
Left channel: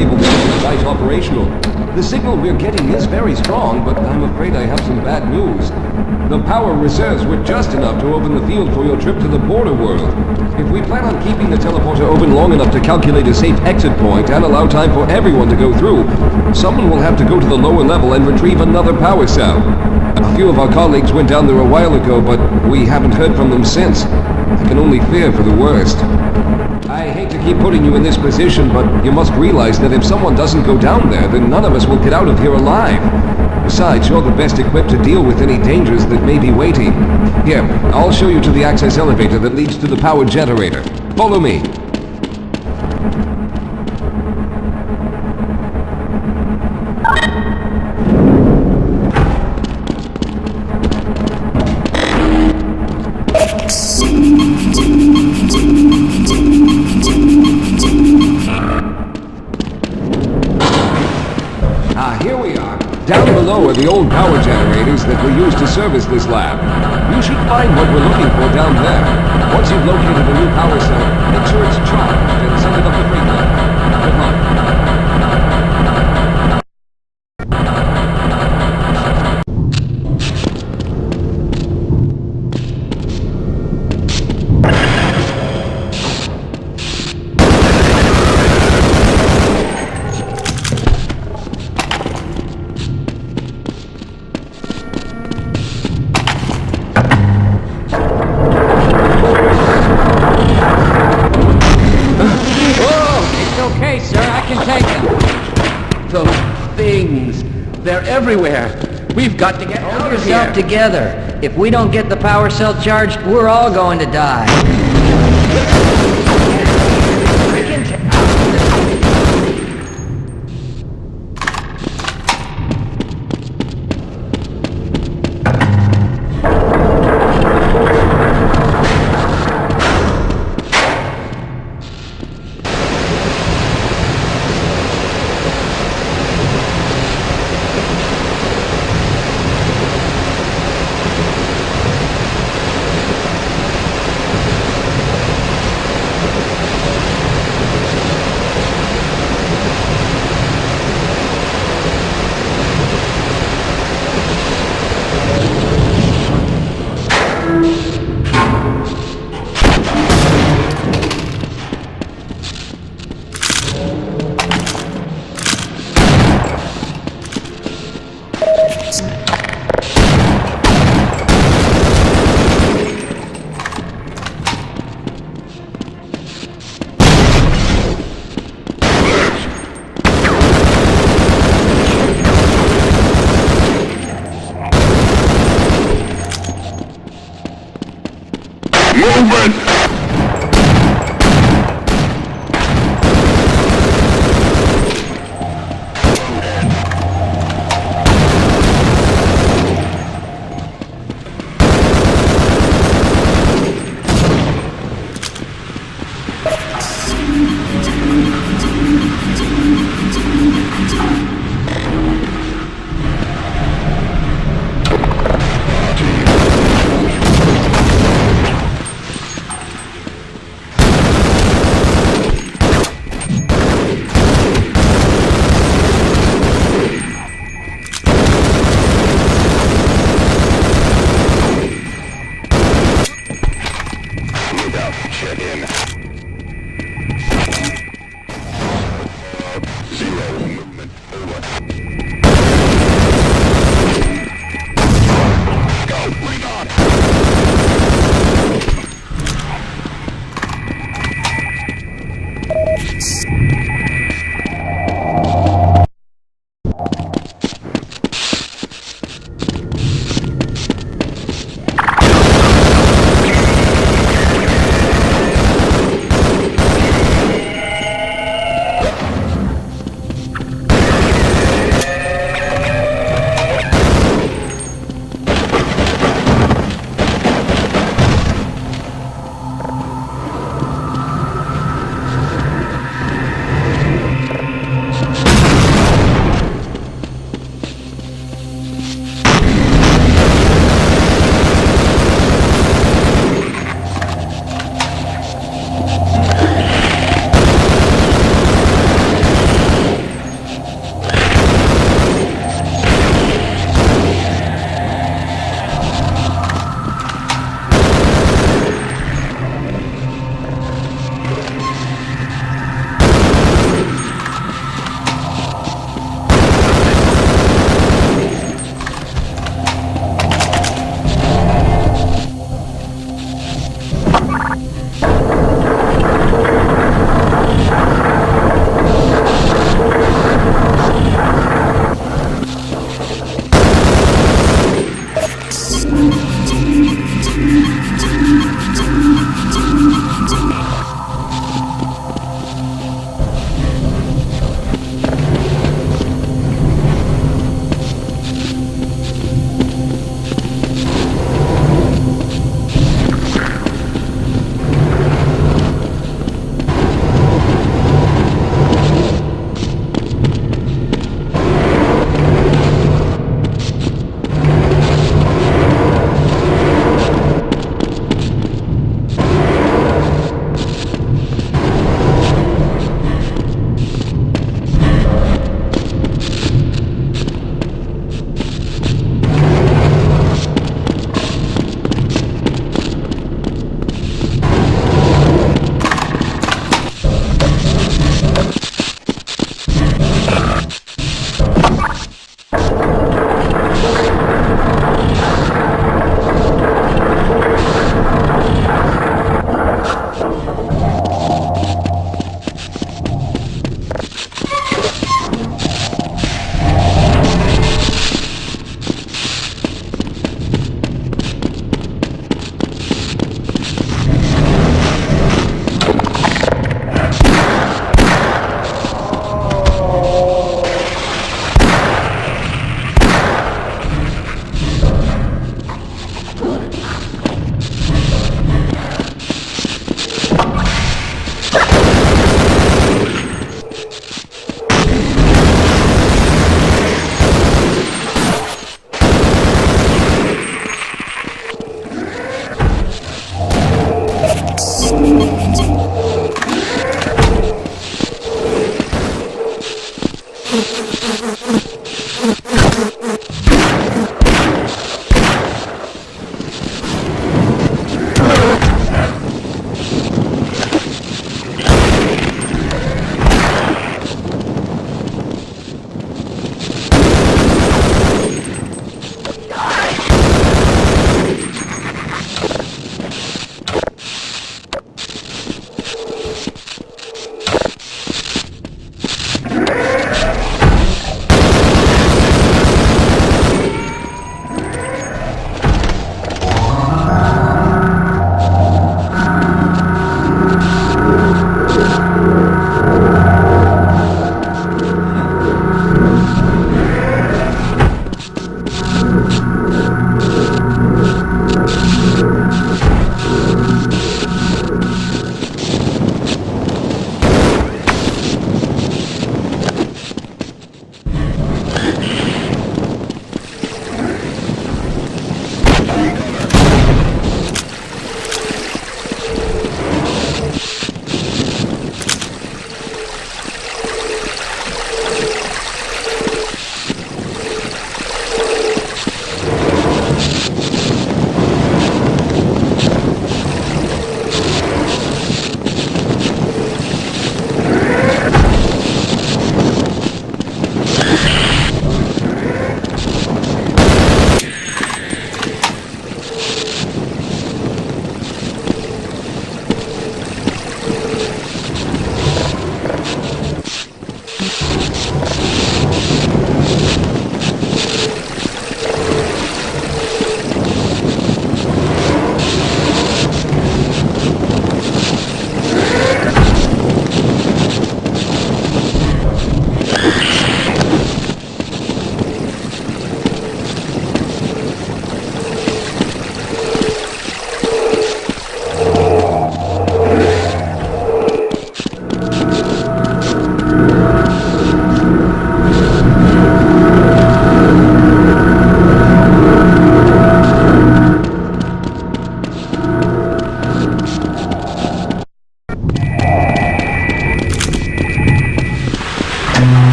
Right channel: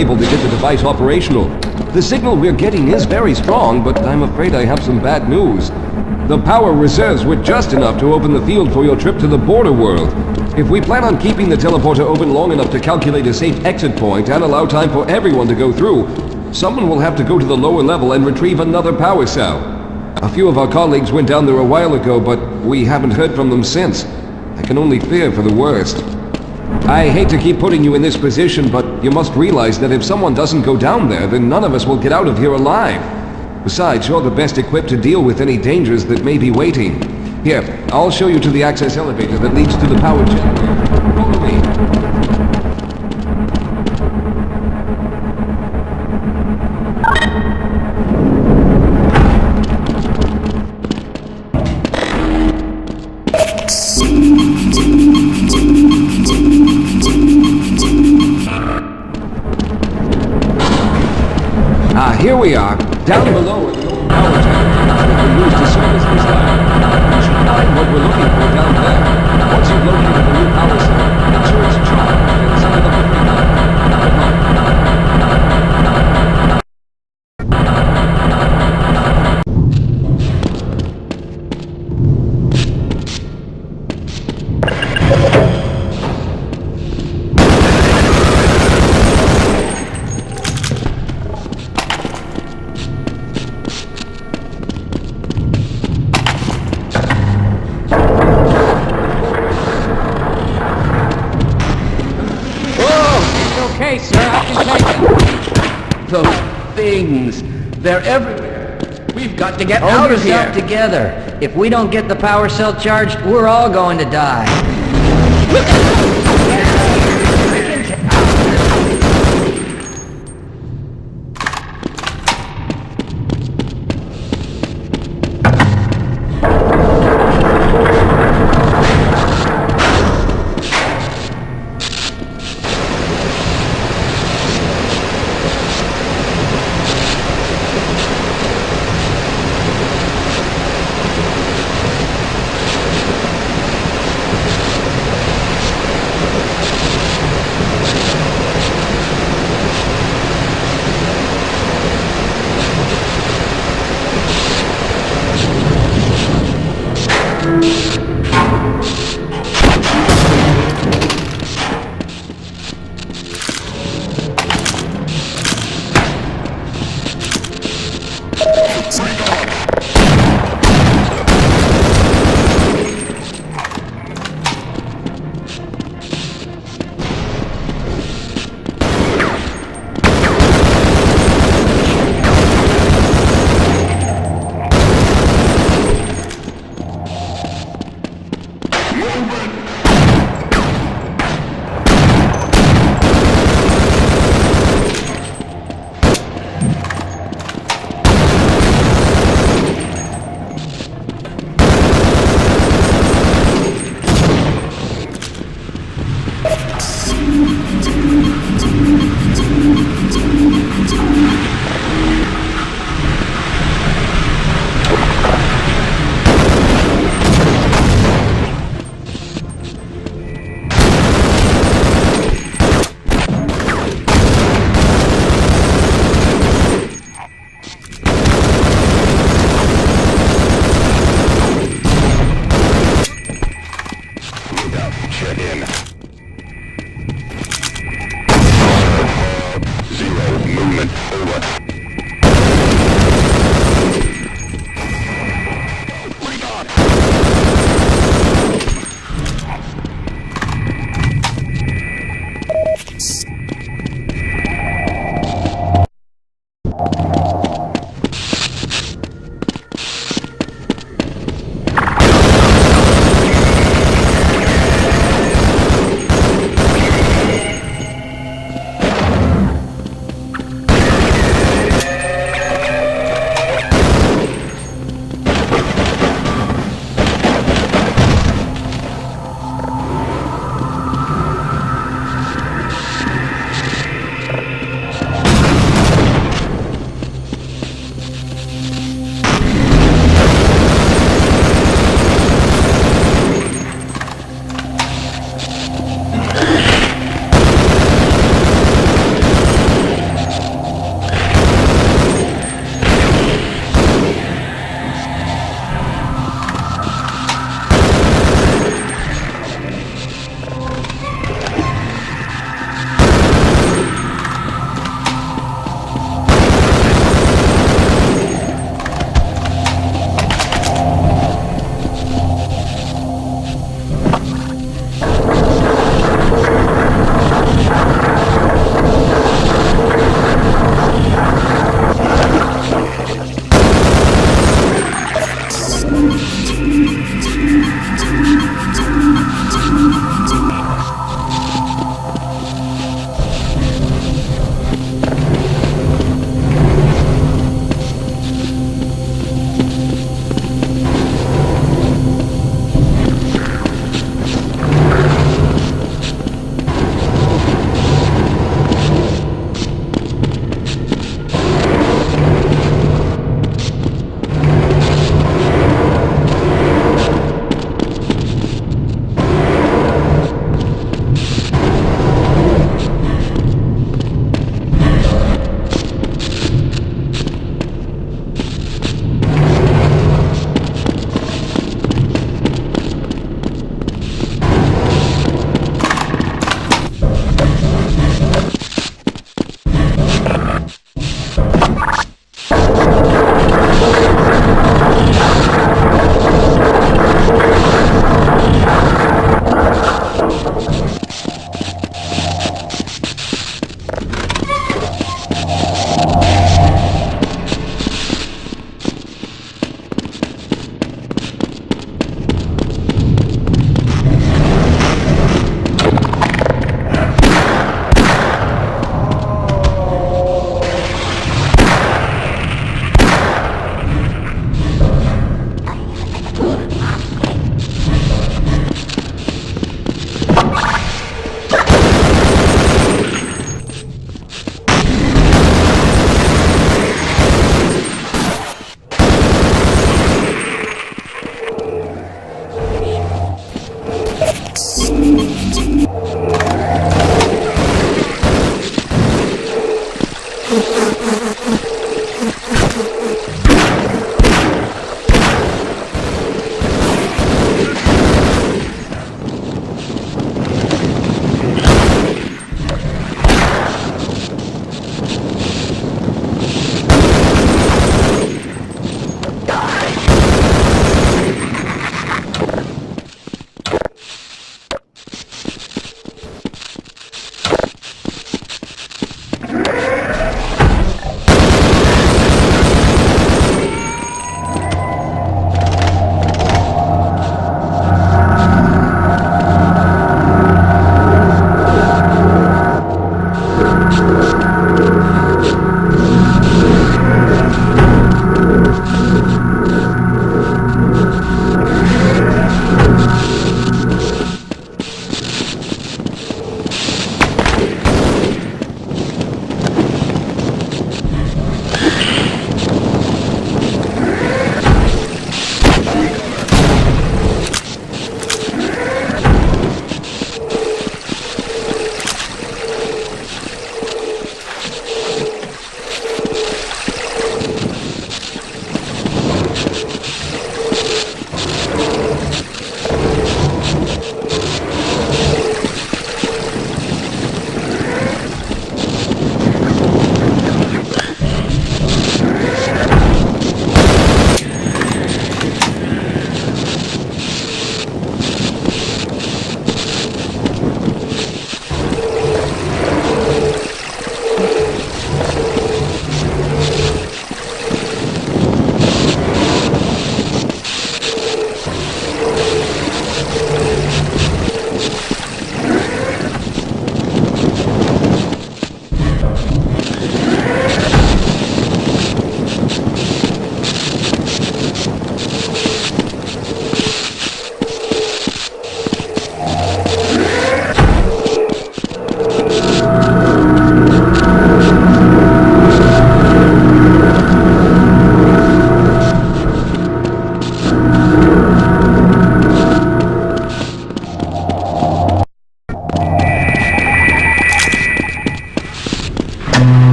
able to get the device operational. The signal we're getting is very strong, but I'm afraid I have some bad news. The power reserves were just enough to open the field for your trip to the border world. If we plan on keeping the teleporter open long enough to calculate a safe exit point and allow time for everyone to go through, someone will have to go to the lower level and retrieve another power cell. A few of our colleagues went down there a while ago, but we haven't heard from them since. I can only fear for the worst. I hate to keep putting you in this position, but you must realize that if someone doesn't go down there, then none of us will get out of here alive. Besides, you're the best equipped to deal with any dangers that may be waiting. Here, I'll show you to the access elevator that leads to the power generator. Follow me. Here we are. Down below are the old power generators that we used to service this lab. You should find what we're looking for down there. Once you've located a new power cell, make sure it's charged and send it up the freight line. They're everywhere. We've got to get out of here. Hold yourself together. If we don't get the power cell charged, we're all going to die.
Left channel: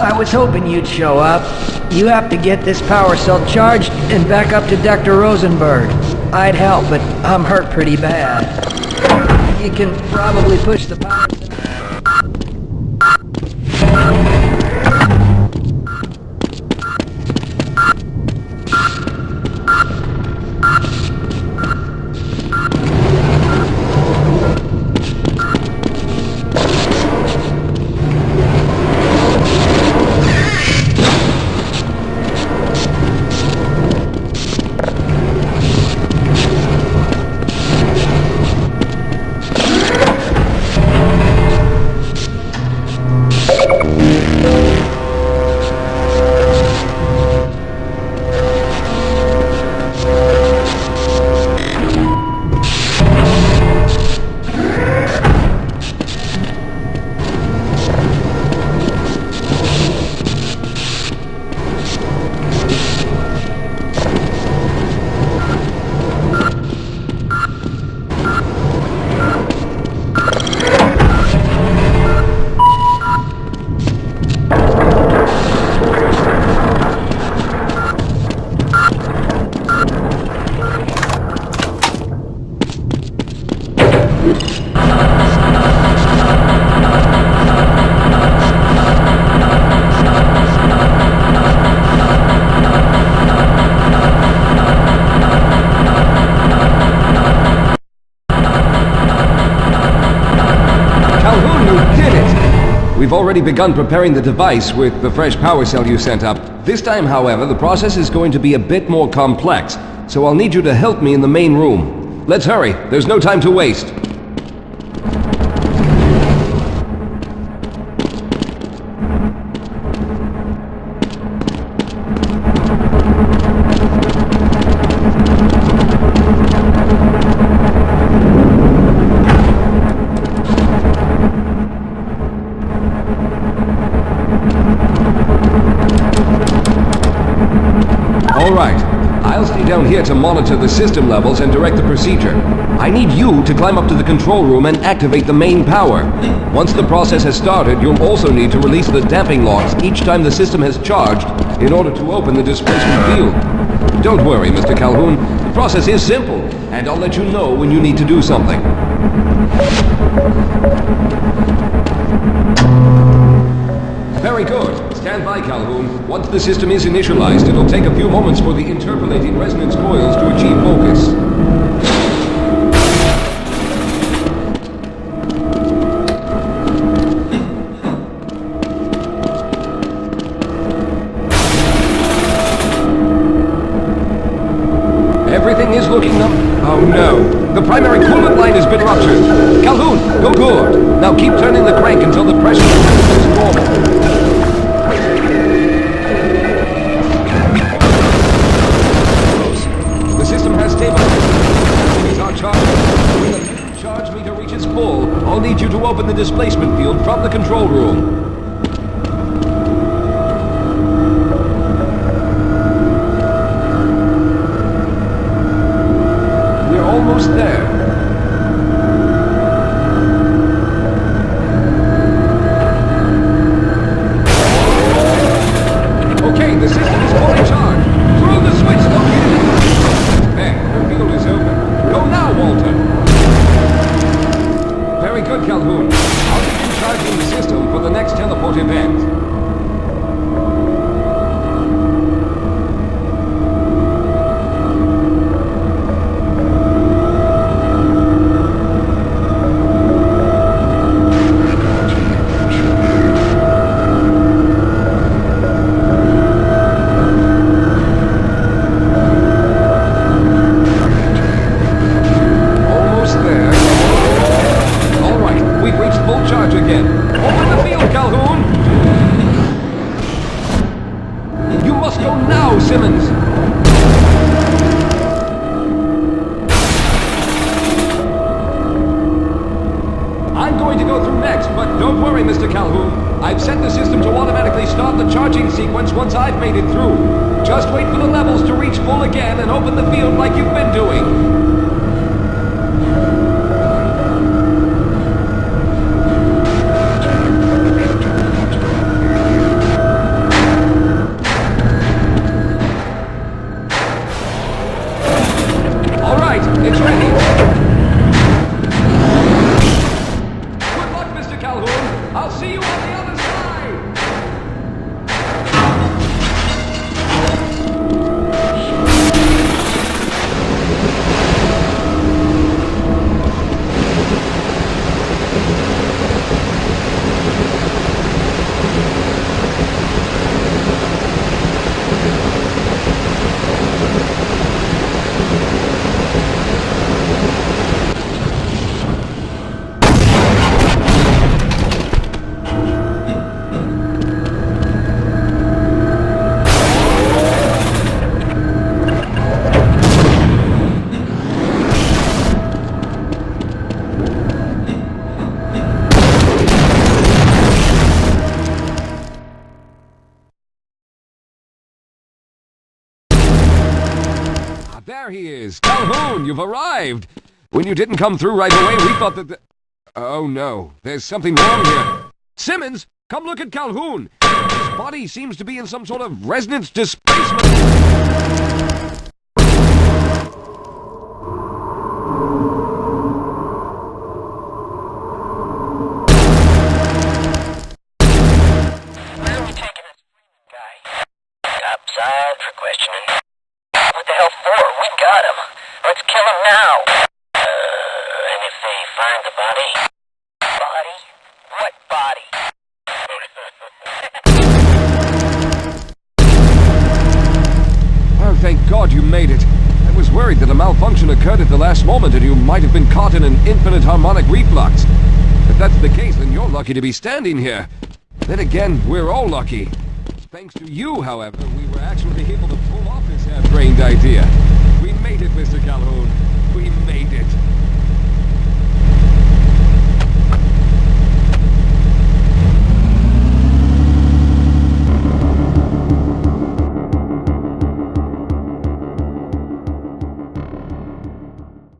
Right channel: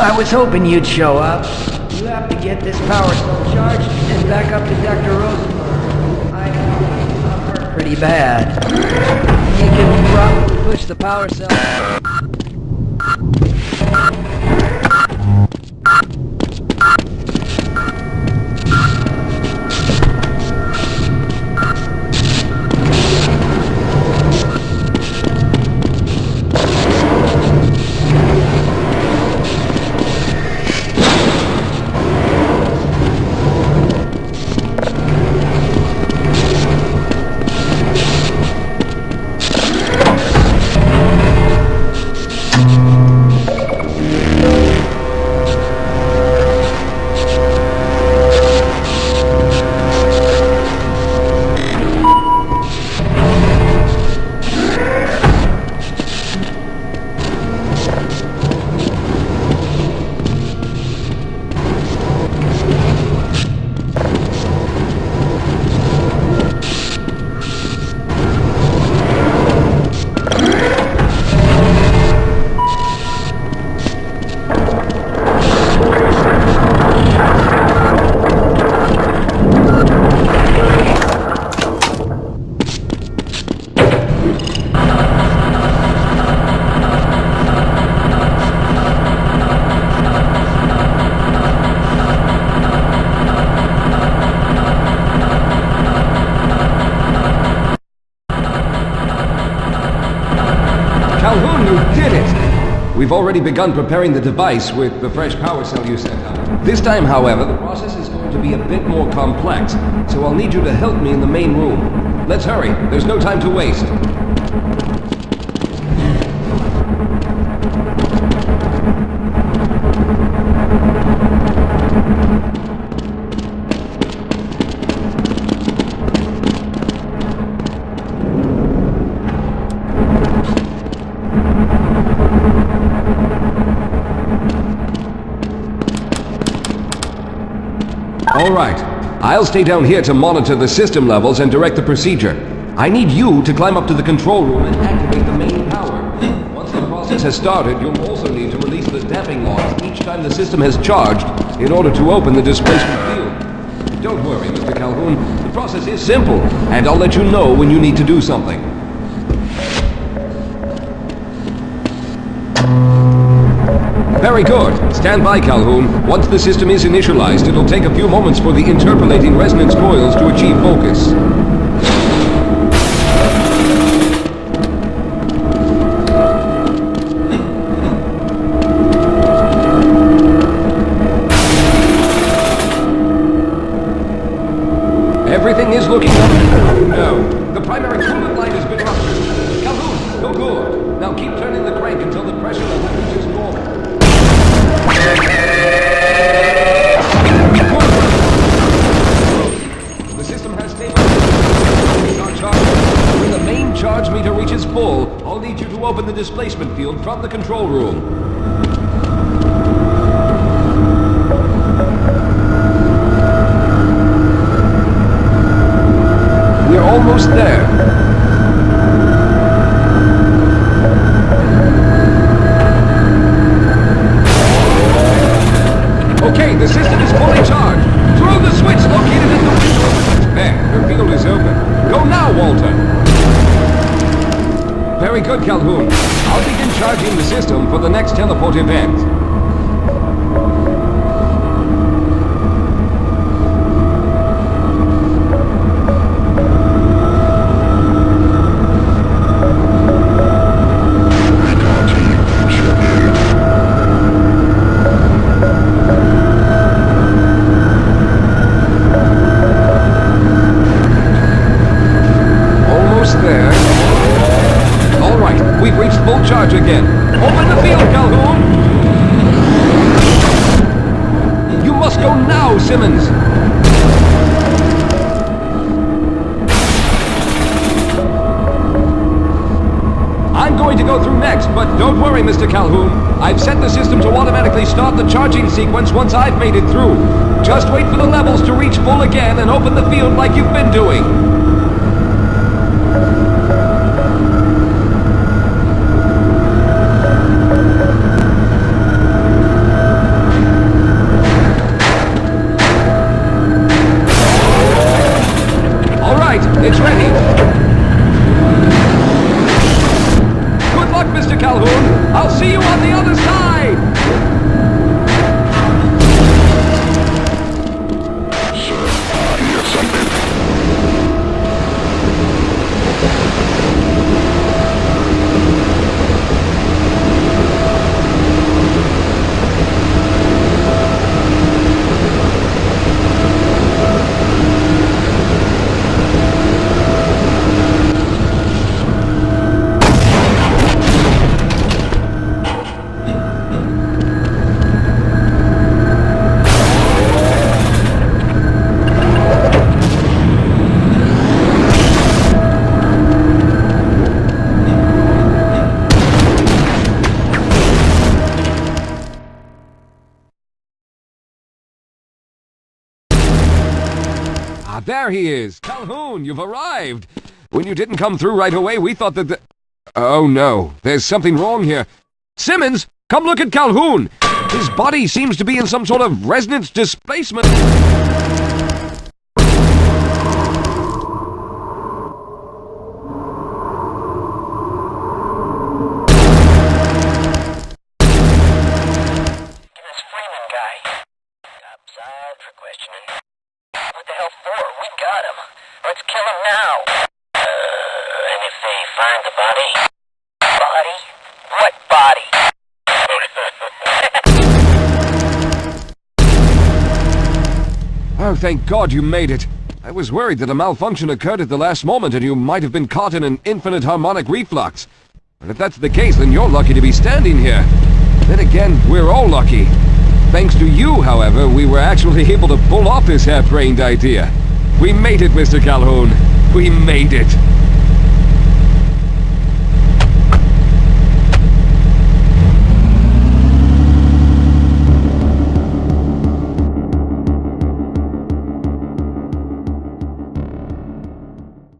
I was hoping you'd show up. You have to get this power cell charged and back up to Dr. Rosenberg. I'd help, but I'm hurt pretty bad. You can probably push the power cell... did it! We've already begun preparing the device with the fresh power cell you sent up. This time, however, the process is going to be a bit more complex, so I'll need you to help me in the main room. Let's hurry, there's no time to waste. I'll stay down here to monitor the system levels and direct the procedure. I need you to climb up to the control room and activate the main power. Once the process has started, you'll also need to release the damping logs each time the system has charged in order to open the displacement field. Don't worry, Mr. Calhoun. The process is simple, and I'll let you know when you need to do something. Very good. Stand by, Calhoun. Once the system is initialized, it'll take a few moments for the interpolating resonance coils to achieve focus. Everything is looking up. Oh no. The primary coolant line has been ruptured. Calhoun, you're good. Now keep turning the crank until the pressure is normal. The system has stabilized. Our charge. When the main charge meter reaches full, I'll need you to open the displacement field from the control room. We're almost there. Good, Calhoun. I'll begin charging the system for the next teleport event. Simmons! I'm going to go through next, but don't worry, Mr. Calhoun. I've set the system to automatically start the charging sequence once I've made it through. Just wait for the levels to reach full again and open the field like you've been doing. There he is! Calhoun, you've arrived! When you didn't come through right away, we thought that the... Oh no, there's something wrong here. Simmons, come look at Calhoun! His body seems to be in some sort of resonance displacement... Topside for questioning. What the hell for? We got him. Let's kill him now. And if they find the body? Body? What body? thank God you made it. I was worried that a malfunction occurred at the last moment and you might have been caught in an infinite harmonic reflux. If that's the case, then you're lucky to be standing here. Then again, we're all lucky. Thanks to you, however, we were actually able to pull off this half-brained idea. We made it, Mr. Calhoun. We made it.